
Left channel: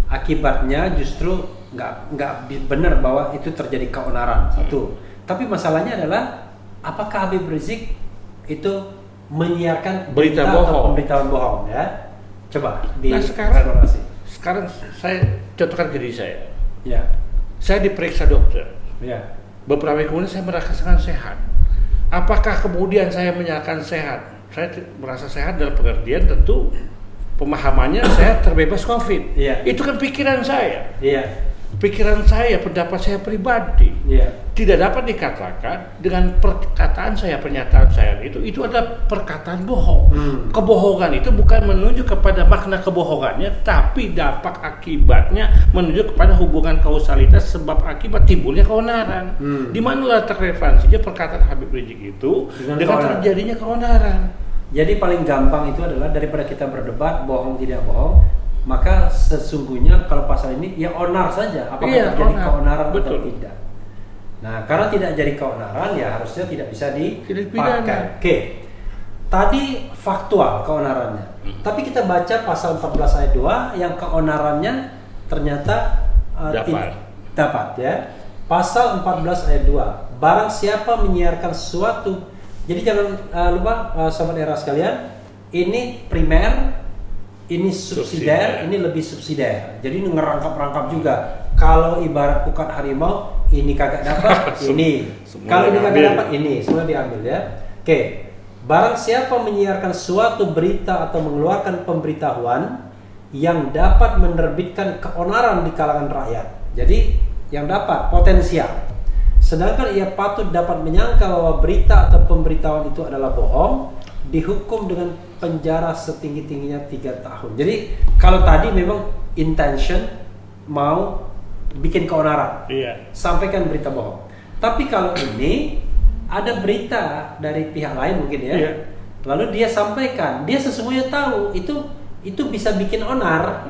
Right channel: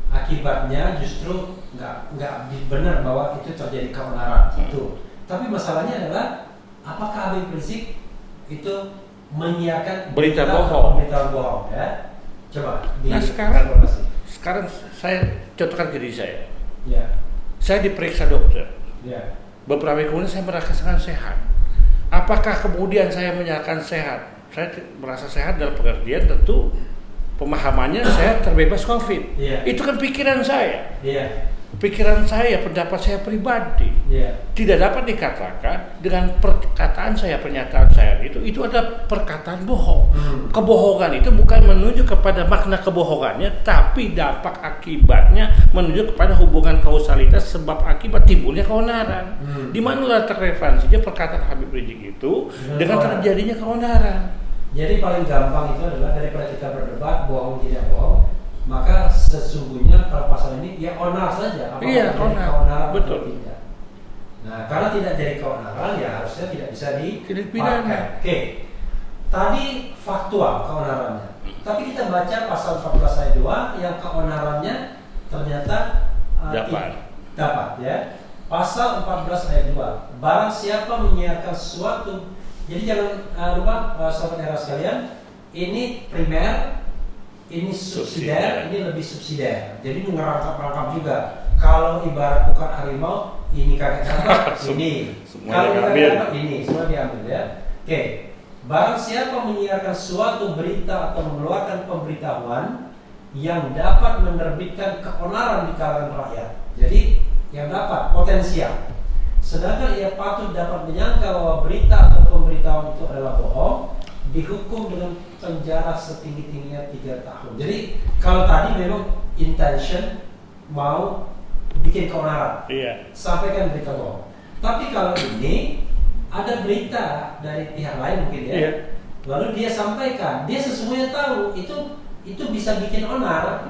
Akibatnya justru nggak benar bahwa itu terjadi keonaran itu. Tapi masalahnya adalah apakah Habib Rizik itu menyiarkan berita bohong, pemberitaan bohong ya? Coba di sekarang saya contohkan ke diri saya. Ya. Saya diperiksa dokter. Ya. Beberapa hari kemudian saya merasakan sehat. Apakah kemudian saya menyatakan sehat? Saya merasa sehat dalam pengertian tentu pemahamannya saya terbebas COVID. Ya. Itu kan pikiran saya. Iya. Pikiran saya, pendapat saya pribadi. Tidak dapat dikatakan dengan perkataan saya, pernyataan saya itu adalah perkataan bohong. Kebohongan itu bukan menunjuk kepada makna kebohongannya, tapi dampak akibatnya menunjuk kepada hubungan kausalitas sebab akibat timbulnya keonaran. Di mana letak relevansinya perkataan Habib Rizik itu dengan terjadinya keonaran? Jadi paling gampang itu adalah daripada kita berdebat bohong tidak bohong, maka sesungguhnya kalau pasal ini ya onar saja, apakah Iya, terjadi onar. keonaran Betul. atau tidak. Nah, karena tidak jadi keonaran ya harusnya tidak bisa Tidak pidana. dipakai. Oke. Tadi faktual keonarannya. Tapi kita baca pasal 14 ayat 2 yang keonarannya ternyata dapat ya. Pasal 14 ayat 2. Barang siapa menyiarkan sesuatu. Jadi jangan lupa sobat era sekalian, ini primer, ini subsidiar, ini lebih subsidiar. Jadi ini ngerangkap-rangkap juga. Kalau ibarat bukan harimau, ini kagak dapat, ini. Kalau ini kagak dapat, ini semua diambil ya. Oke. Barang siapa menyiarkan suatu berita atau mengeluarkan pemberitahuan yang dapat menerbitkan keonaran di kalangan rakyat. Jadi yang dapat potensial. Sedangkan ia patut dapat menyangka bahwa berita atau pemberitahuan itu adalah bohong, dihukum dengan penjara setinggi-tingginya 3 tahun. Jadi kalau tadi memang intention mau bikin keonaran, sampaikan berita bohong. Tapi kalau ini ada berita dari pihak lain mungkin ya, lalu dia sampaikan, dia sesungguhnya tahu itu bisa bikin onar,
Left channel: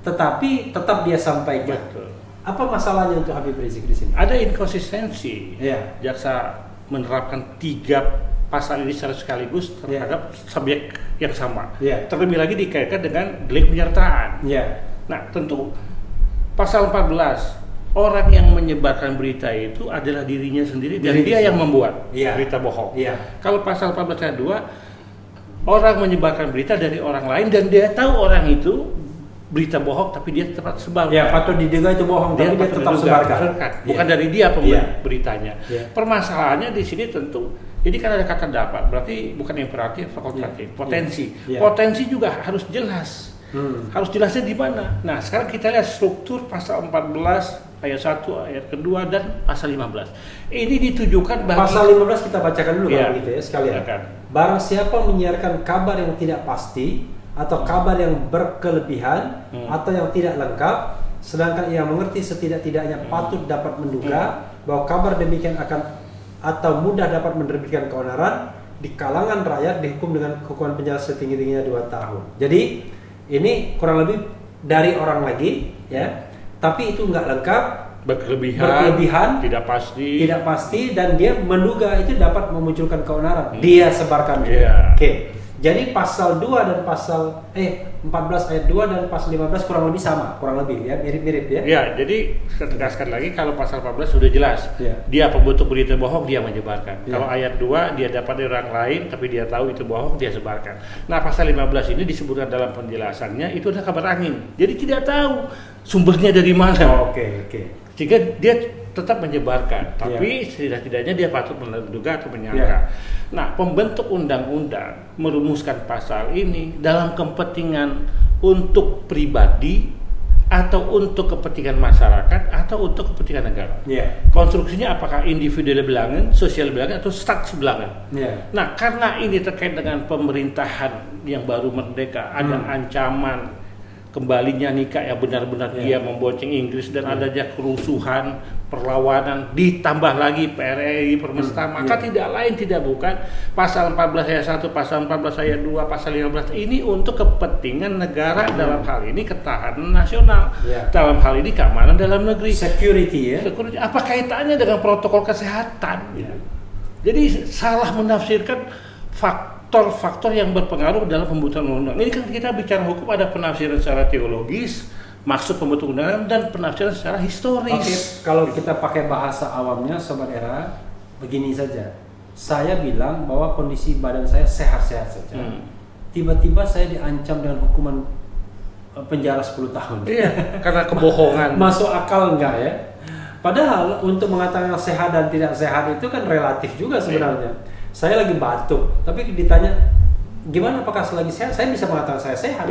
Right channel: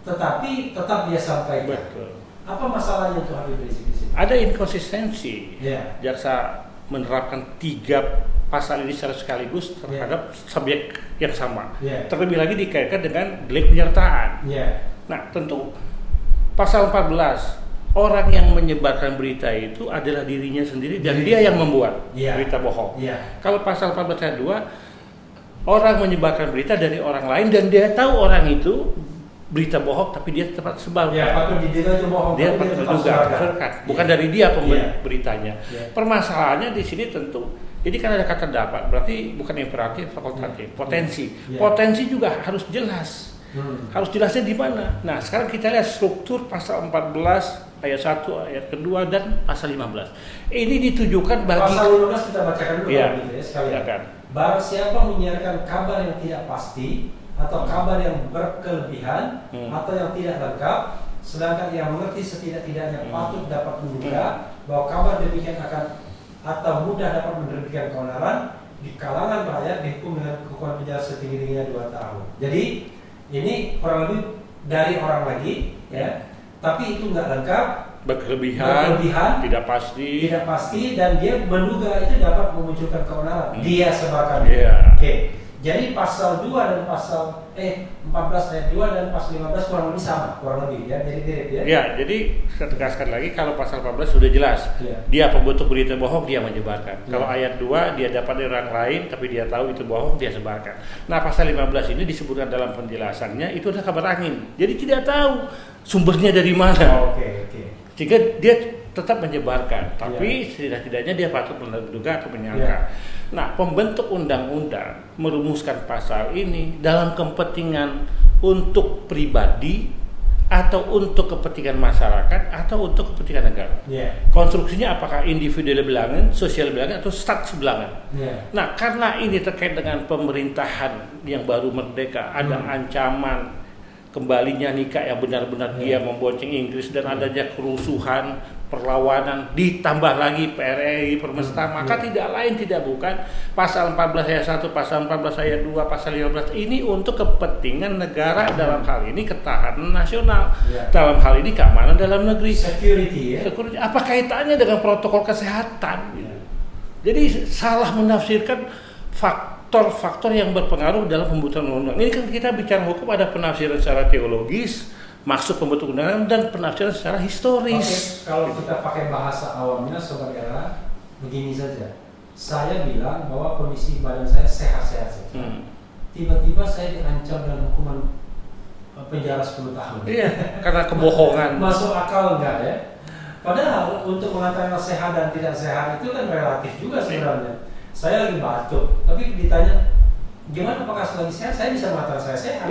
tetapi tetap dia sampaikan. Betul. Apa masalahnya untuk Habib Rizik di sini? Ada inkonsistensi. Jaksa menerapkan 3 pasal ini secara sekaligus terhadap subjek yang sama. Terlebih lagi dikaitkan dengan delik penyertaan. Nah, tentu pasal 14, orang yang menyebarkan berita itu adalah dirinya sendiri dan dia yang membuat berita bohong. Kalau pasal 14 ayat 2, orang menyebarkan berita dari orang lain dan dia tahu orang itu berita bohong tapi dia tetap sebarkan. Patut diduga itu bohong. Dia patut diduga, bukan dari dia beritanya. Permasalahannya di sini tentu, ini kan ada kata dapat, berarti bukan imperatif, fakultatif, potensi. Potensi juga harus jelas. Harus jelasnya di mana. Nah, sekarang kita lihat struktur pasal 14 ayat 1, ayat kedua dan pasal 15. Ini ditujukan bagi pasal 15 kita bacakan dulu gitu ya sekalian. Barang siapa menyiarkan kabar yang tidak pasti atau kabar yang berkelebihan atau yang tidak lengkap, sedangkan ia mengerti setidak-tidaknya patut dapat menduga bahwa kabar demikian akan atau mudah dapat menerbitkan keonaran di kalangan rakyat, dihukum dengan hukuman penjara setinggi-tingginya 2 tahun. Jadi ini kurang lebih dari orang lagi ya, tapi itu nggak lengkap, berlebihan, tidak pasti dan dia menduga itu dapat memunculkan keonaran. Dia sebarkan. Oke. Jadi pasal 2 dan pasal 14 ayat 2 dan pasal 15 kurang lebih sama, kurang lebih ya, mirip-mirip ya. Ya, jadi saya tegaskan lagi, kalau pasal 14 sudah jelas. Dia pembentuk berita bohong, dia menyebarkan. Kalau ayat 2 dia dapat dari orang lain tapi dia tahu itu bohong, dia sebarkan. Nah, pasal 15 ini disebutkan dalam penjelasannya itu adalah kabar angin. Jadi tidak tahu sumbernya dari mana. Sehingga dia tetap menyebarkan, tapi setidak-tidaknya dia patut menduga atau menyangka. Nah, pembentuk undang-undang merumuskan pasal ini dalam kepentingan untuk pribadi atau untuk kepentingan masyarakat atau untuk kepentingan negara. Konstruksinya apakah individual belangan, sosial belangan atau stats belangan. Nah, karena ini terkait dengan pemerintahan yang baru merdeka, ada ancaman kembalinya nikah yang benar-benar dia membonceng Inggris dan adanya kerusuhan, perlawanan, ditambah lagi PRRI permesta, maka tidak lain tidak bukan pasal 14 ayat 1, pasal 14 ayat 2, pasal 15 ini untuk kepentingan negara, dalam hal ini ketahanan nasional, dalam hal ini keamanan dalam negeri, security. Apa kaitannya dengan protokol kesehatan? Jadi salah menafsirkan faktor-faktor yang berpengaruh dalam pembuatan undang-undang. Ini kan kita bicara hukum, ada penafsiran secara teologis, maksud pembentuk undang-undang, dan penafsiran secara historis. Kalau kita pakai bahasa awamnya, Sobat Era, begini saja. Saya bilang bahwa kondisi badan saya sehat-sehat saja. Tiba-tiba saya diancam dengan hukuman penjara 10 tahun. Karena kebohongan. Masuk akal enggak ya? Padahal untuk mengatakan sehat dan tidak sehat itu kan relatif juga sebenarnya. Saya lagi batuk, tapi ditanya gimana apakah selagi sehat, saya bisa mengatakan saya sehat.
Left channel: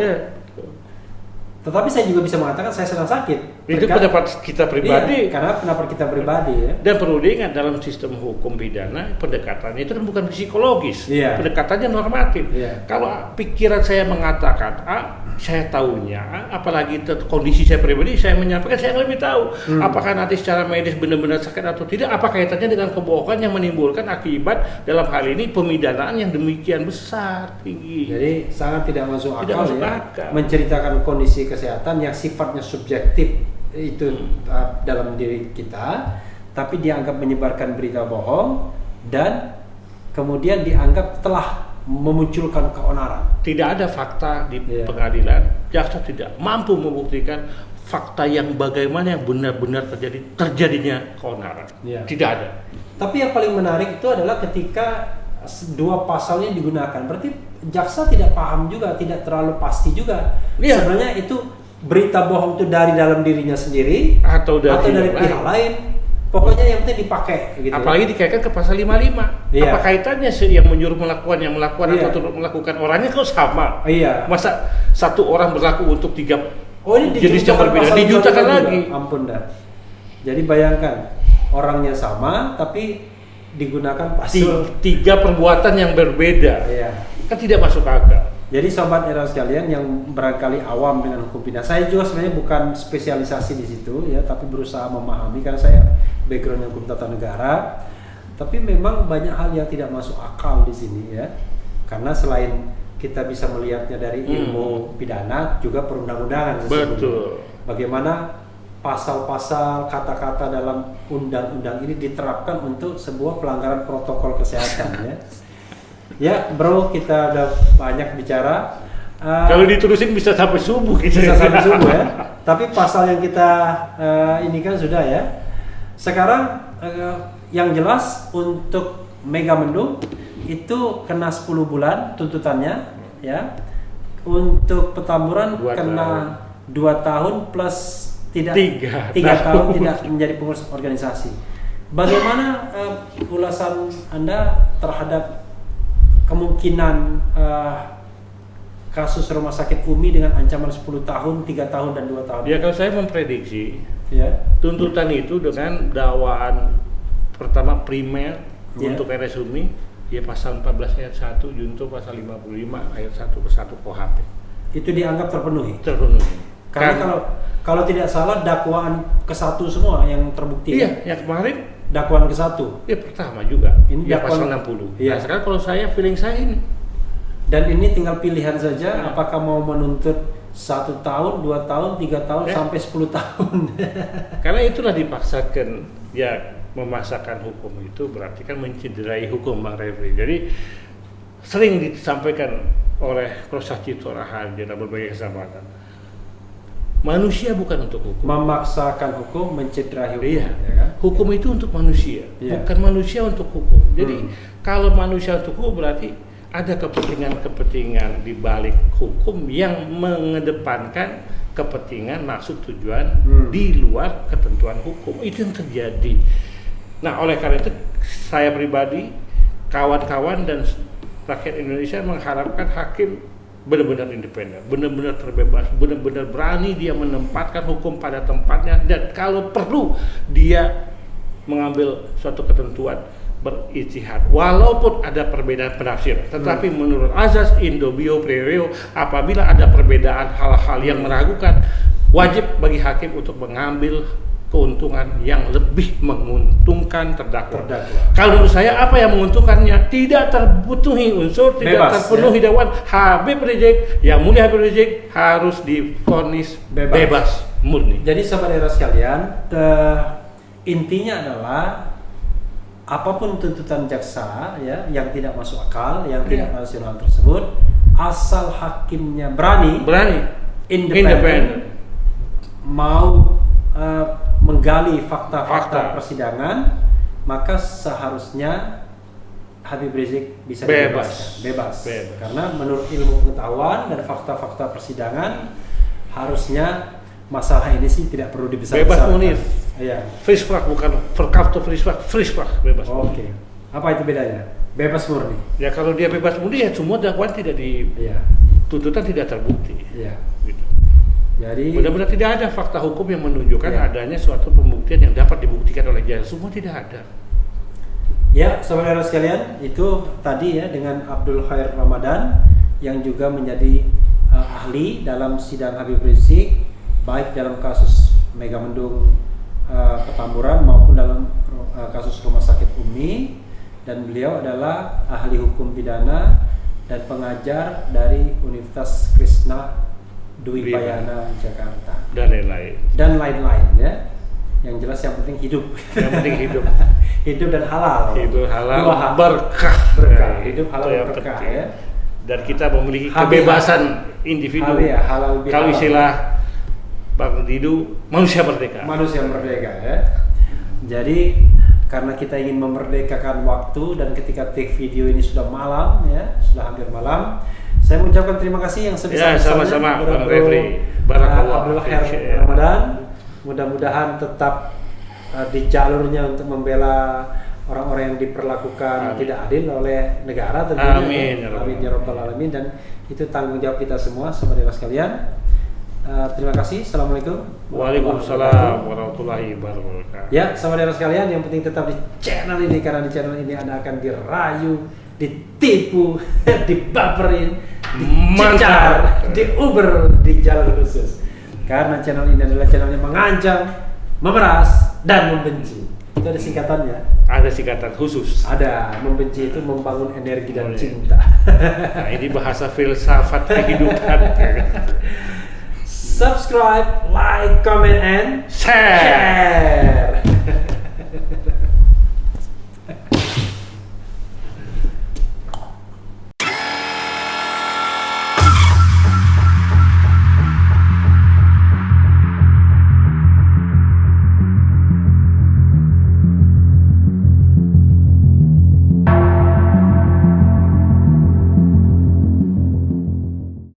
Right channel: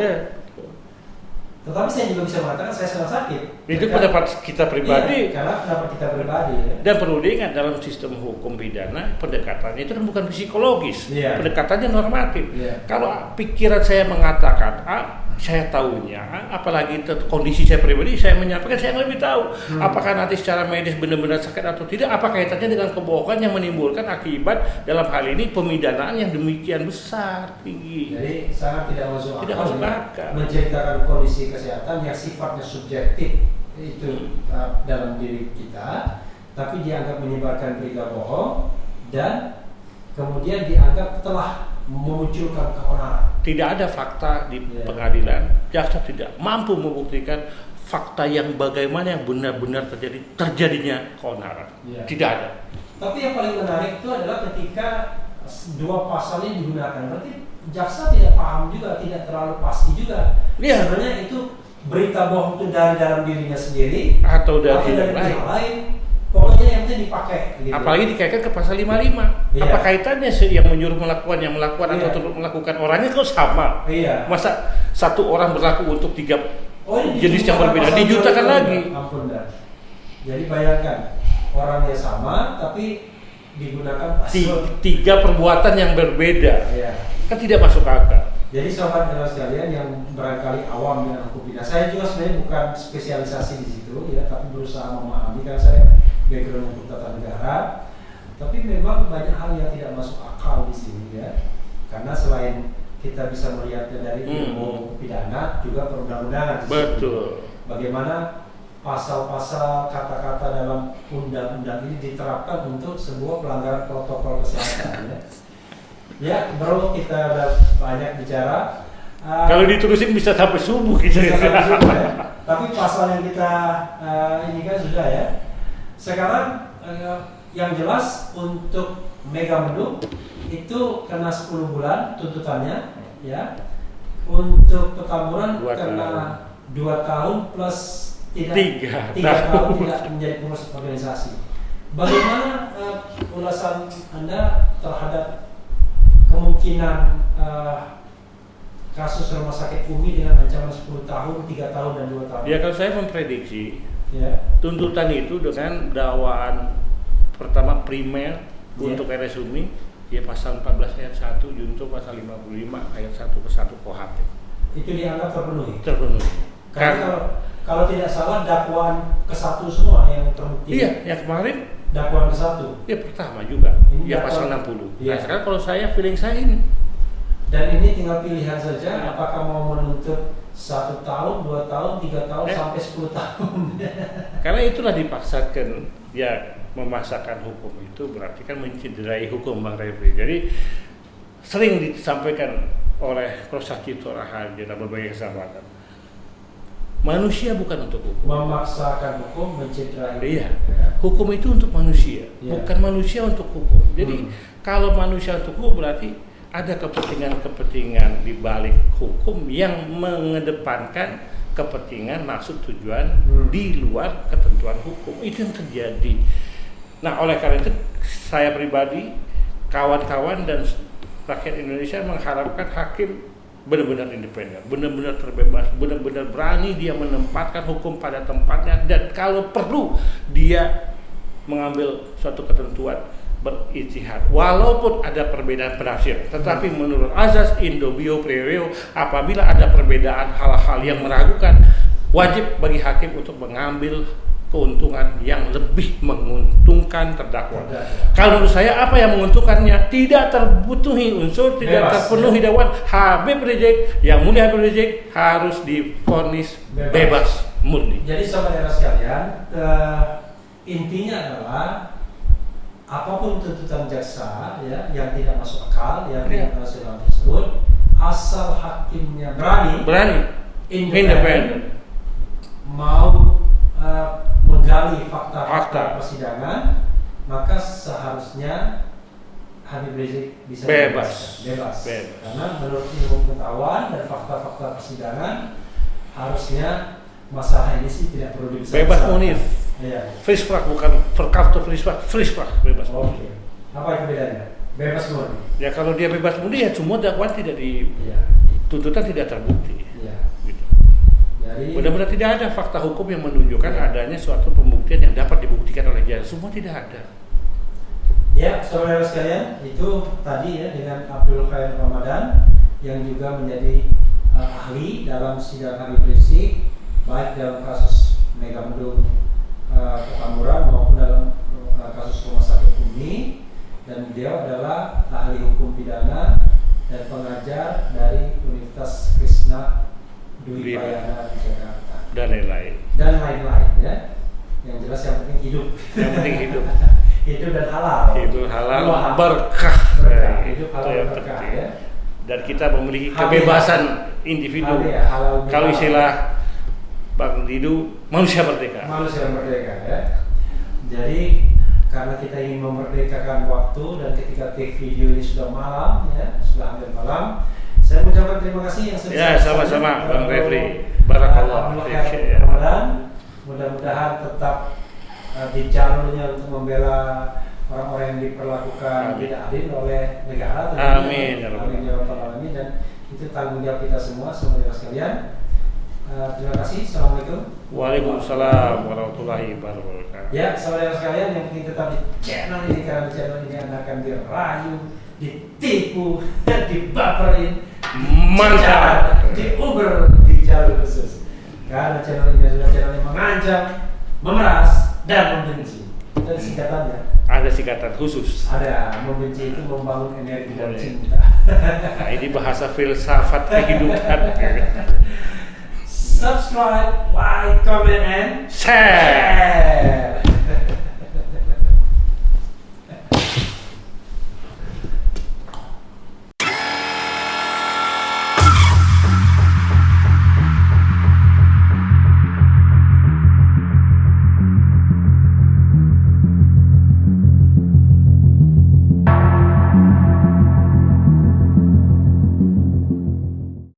Tetapi saya juga bisa mengatakan saya sedang sakit. Itu pendapat kita pribadi. Karena pendapat kita pribadi ya. Dan perlu diingat dalam sistem hukum pidana, pendekatannya itu kan bukan psikologis, pendekatannya normatif. Kalau pikiran saya mengatakan A, saya tahunya, apalagi kondisi saya pribadi, saya menyampaikan saya lebih tahu apakah nanti secara medis benar-benar sakit atau tidak, apa kaitannya dengan kebohongan yang menimbulkan akibat dalam hal ini pemidanaan yang demikian besar, tinggi. Jadi sangat tidak masuk akal, akal. Menceritakan kondisi kesehatan yang sifatnya subjektif itu dalam diri kita, tapi dianggap menyebarkan berita bohong dan kemudian dianggap telah memunculkan keonaran. Tidak ada fakta di pengadilan, jaksa tidak mampu membuktikan fakta yang bagaimana yang benar-benar terjadinya keonaran. Tidak ada. Tapi yang paling menarik itu adalah ketika dua pasal yang digunakan. Berarti jaksa tidak paham juga, tidak terlalu pasti juga. Sebenarnya itu berita bohong itu dari dalam dirinya sendiri atau dari pihak lain. Pokoknya yang penting dipakai gitu. Apalagi dikaitkan ke pasal 55. Apa kaitannya yang menyuruh melakukan atau turut melakukan, orangnya kok sama? Masa satu orang berlaku untuk tiga jenis yang berbeda, dijutakan lagi. Ampun dah. Jadi bayangkan orangnya sama tapi digunakan pasal tiga perbuatan yang berbeda. Kan tidak masuk akal. Jadi sobat era sekalian yang barangkali awam dengan hukum pidana, saya juga sebenarnya bukan spesialisasi di situ ya, tapi berusaha memahami karena saya background hukum tata negara. Tapi memang banyak hal yang tidak masuk akal di sini ya, karena selain kita bisa melihatnya dari ilmu pidana, juga perundang-undangan. Betul. Bagaimana pasal-pasal kata-kata dalam undang-undang ini diterapkan untuk sebuah pelanggaran protokol kesehatan ya. Ya bro, kita udah banyak bicara. Kalau diterusin bisa sampai subuh kita. Tapi pasal yang kita ini kan sudah ya. Sekarang yang jelas untuk Megamendung itu kena 10 bulan tuntutannya ya. Untuk Petamburan kena 2 tahun plus 3 tahun tidak menjadi pengurus organisasi. Bagaimana ulasan Anda terhadap kemungkinan kasus rumah sakit Umi dengan ancaman 10 tahun, 3 tahun dan 2 tahun? Ya, kalau saya memprediksi tuntutan itu dengan dakwaan pertama primer untuk RS Umi ya pasal 14 ayat 1 junto pasal 55 ayat 1 ke 1 KUHP. Itu dianggap terpenuhi? Terpenuhi. Karena kalau tidak salah dakwaan ke-1 semua yang terbukti. Iya, yang kemarin dakwaan ke-1. Ya pertama juga. Ini ya pasal 60. Nah, sekarang kalau feeling saya ini. Dan ini tinggal pilihan saja apakah mau menuntut 1 tahun, 2 tahun, 3 tahun sampai 10 tahun. Karena itulah dipaksakan ya, memaksakan hukum itu berarti kan mencederai hukum, Bang Refri. Jadi sering disampaikan oleh Prof. Cipto Raharjo dalam berbagai kesempatan. Manusia bukan untuk hukum. Memaksakan hukum, mencederai hukum. Iya. Hukum itu untuk manusia, bukan manusia untuk hukum. Jadi kalau manusia untuk hukum berarti ada kepentingan-kepentingan di balik hukum yang mengedepankan kepentingan maksud tujuan di luar ketentuan hukum. Itu yang terjadi. Nah, oleh karena itu saya pribadi, kawan-kawan dan rakyat Indonesia mengharapkan hakim benar-benar independen, benar-benar terbebas, benar-benar berani dia menempatkan hukum pada tempatnya, dan kalau perlu dia mengambil suatu ketentuan berijtihad walaupun ada perbedaan penafsiran, tetapi menurut azas indobio pro reo, apabila ada perbedaan hal-hal yang meragukan, wajib bagi hakim untuk mengambil keuntungan yang lebih menguntungkan terdakwa. Kalau menurut saya apa yang menguntungkannya tidak terpenuhi unsur, tidak terpenuhi dakwaan, Habib Rizik, yang mulia Habib Rizik harus divonis bebas murni. Jadi saudara sekalian, intinya adalah apapun tuntutan jaksa ya yang tidak masuk akal, yang tidak rasional tersebut, asal hakimnya berani independen, mau menggali fakta-fakta persidangan, maka seharusnya Habib Rizik bisa bebas. Karena menurut ilmu pengetahuan dan fakta-fakta persidangan, harusnya masalah ini sih tidak perlu dibesarkan. Bebas munif. Iya. Frisprach bukan verkafto frisprach bebas. Oke. Apa itu bedanya? Bebas murni. Ya kalau dia bebas murni ya semua dakwaan tidak tuntutan tidak terbukti. Iya. Gitu. Jadi benar-benar tidak ada fakta hukum yang menunjukkan adanya suatu pembuktian yang dapat dibuktikan oleh jaksa. Semua tidak ada. Ya, saudara sekalian, itu tadi ya dengan Abdul Khair Ramadan yang juga menjadi ahli dalam sidang Habib Rizik, baik dalam kasus Megamendung Petamburan maupun dalam kasus Rumah Sakit Umi, dan beliau adalah ahli hukum pidana dan pengajar dari Universitas Krishna Dwi Payana Jakarta dan lain-lain ya. Yang jelas yang penting hidup. Yang penting hidup. Hidup dan halal. Hidup halal, Berkah. berkah. Hidup halal Itu yang berkah penting. ya. Dan kita memiliki Halal. kebebasan individu. Halal bihalal. Kalau istilah Bang Didu, manusia merdeka. Manusia merdeka ya. Jadi karena kita ingin memerdekakan waktu dan ketika take video ini sudah malam ya, sudah hampir malam, saya mengucapkan terima kasih yang sebesar-besarnya. Ya, sama-sama Bang Refli. Barakallah. Ramadan. Mudah-mudahan tetap di jalurnya untuk membela orang-orang yang diperlakukan Amin. tidak adil oleh negara tentunya. Amin ya Amin ya rabbal alamin, dan itu tanggung jawab kita semua saudara sekalian. Terima kasih. Assalamualaikum. Waalaikumsalam warahmatullahi wabarakatuh. Ya, saudara sekalian, yang penting tetap di channel ini, karena di channel ini Anda akan dirayu, ditipu, dibaperin, Mantap. diuber di jalur khusus. Karena channel ini adalah channel yang mengancam, memeras, dan membenci. Itu ada singkatannya. Ada singkatan khusus. Ada, membenci itu membangun energi dan Boleh. cinta. Nah, ini bahasa filsafat kehidupan. Subscribe, like, comment, and Share. share.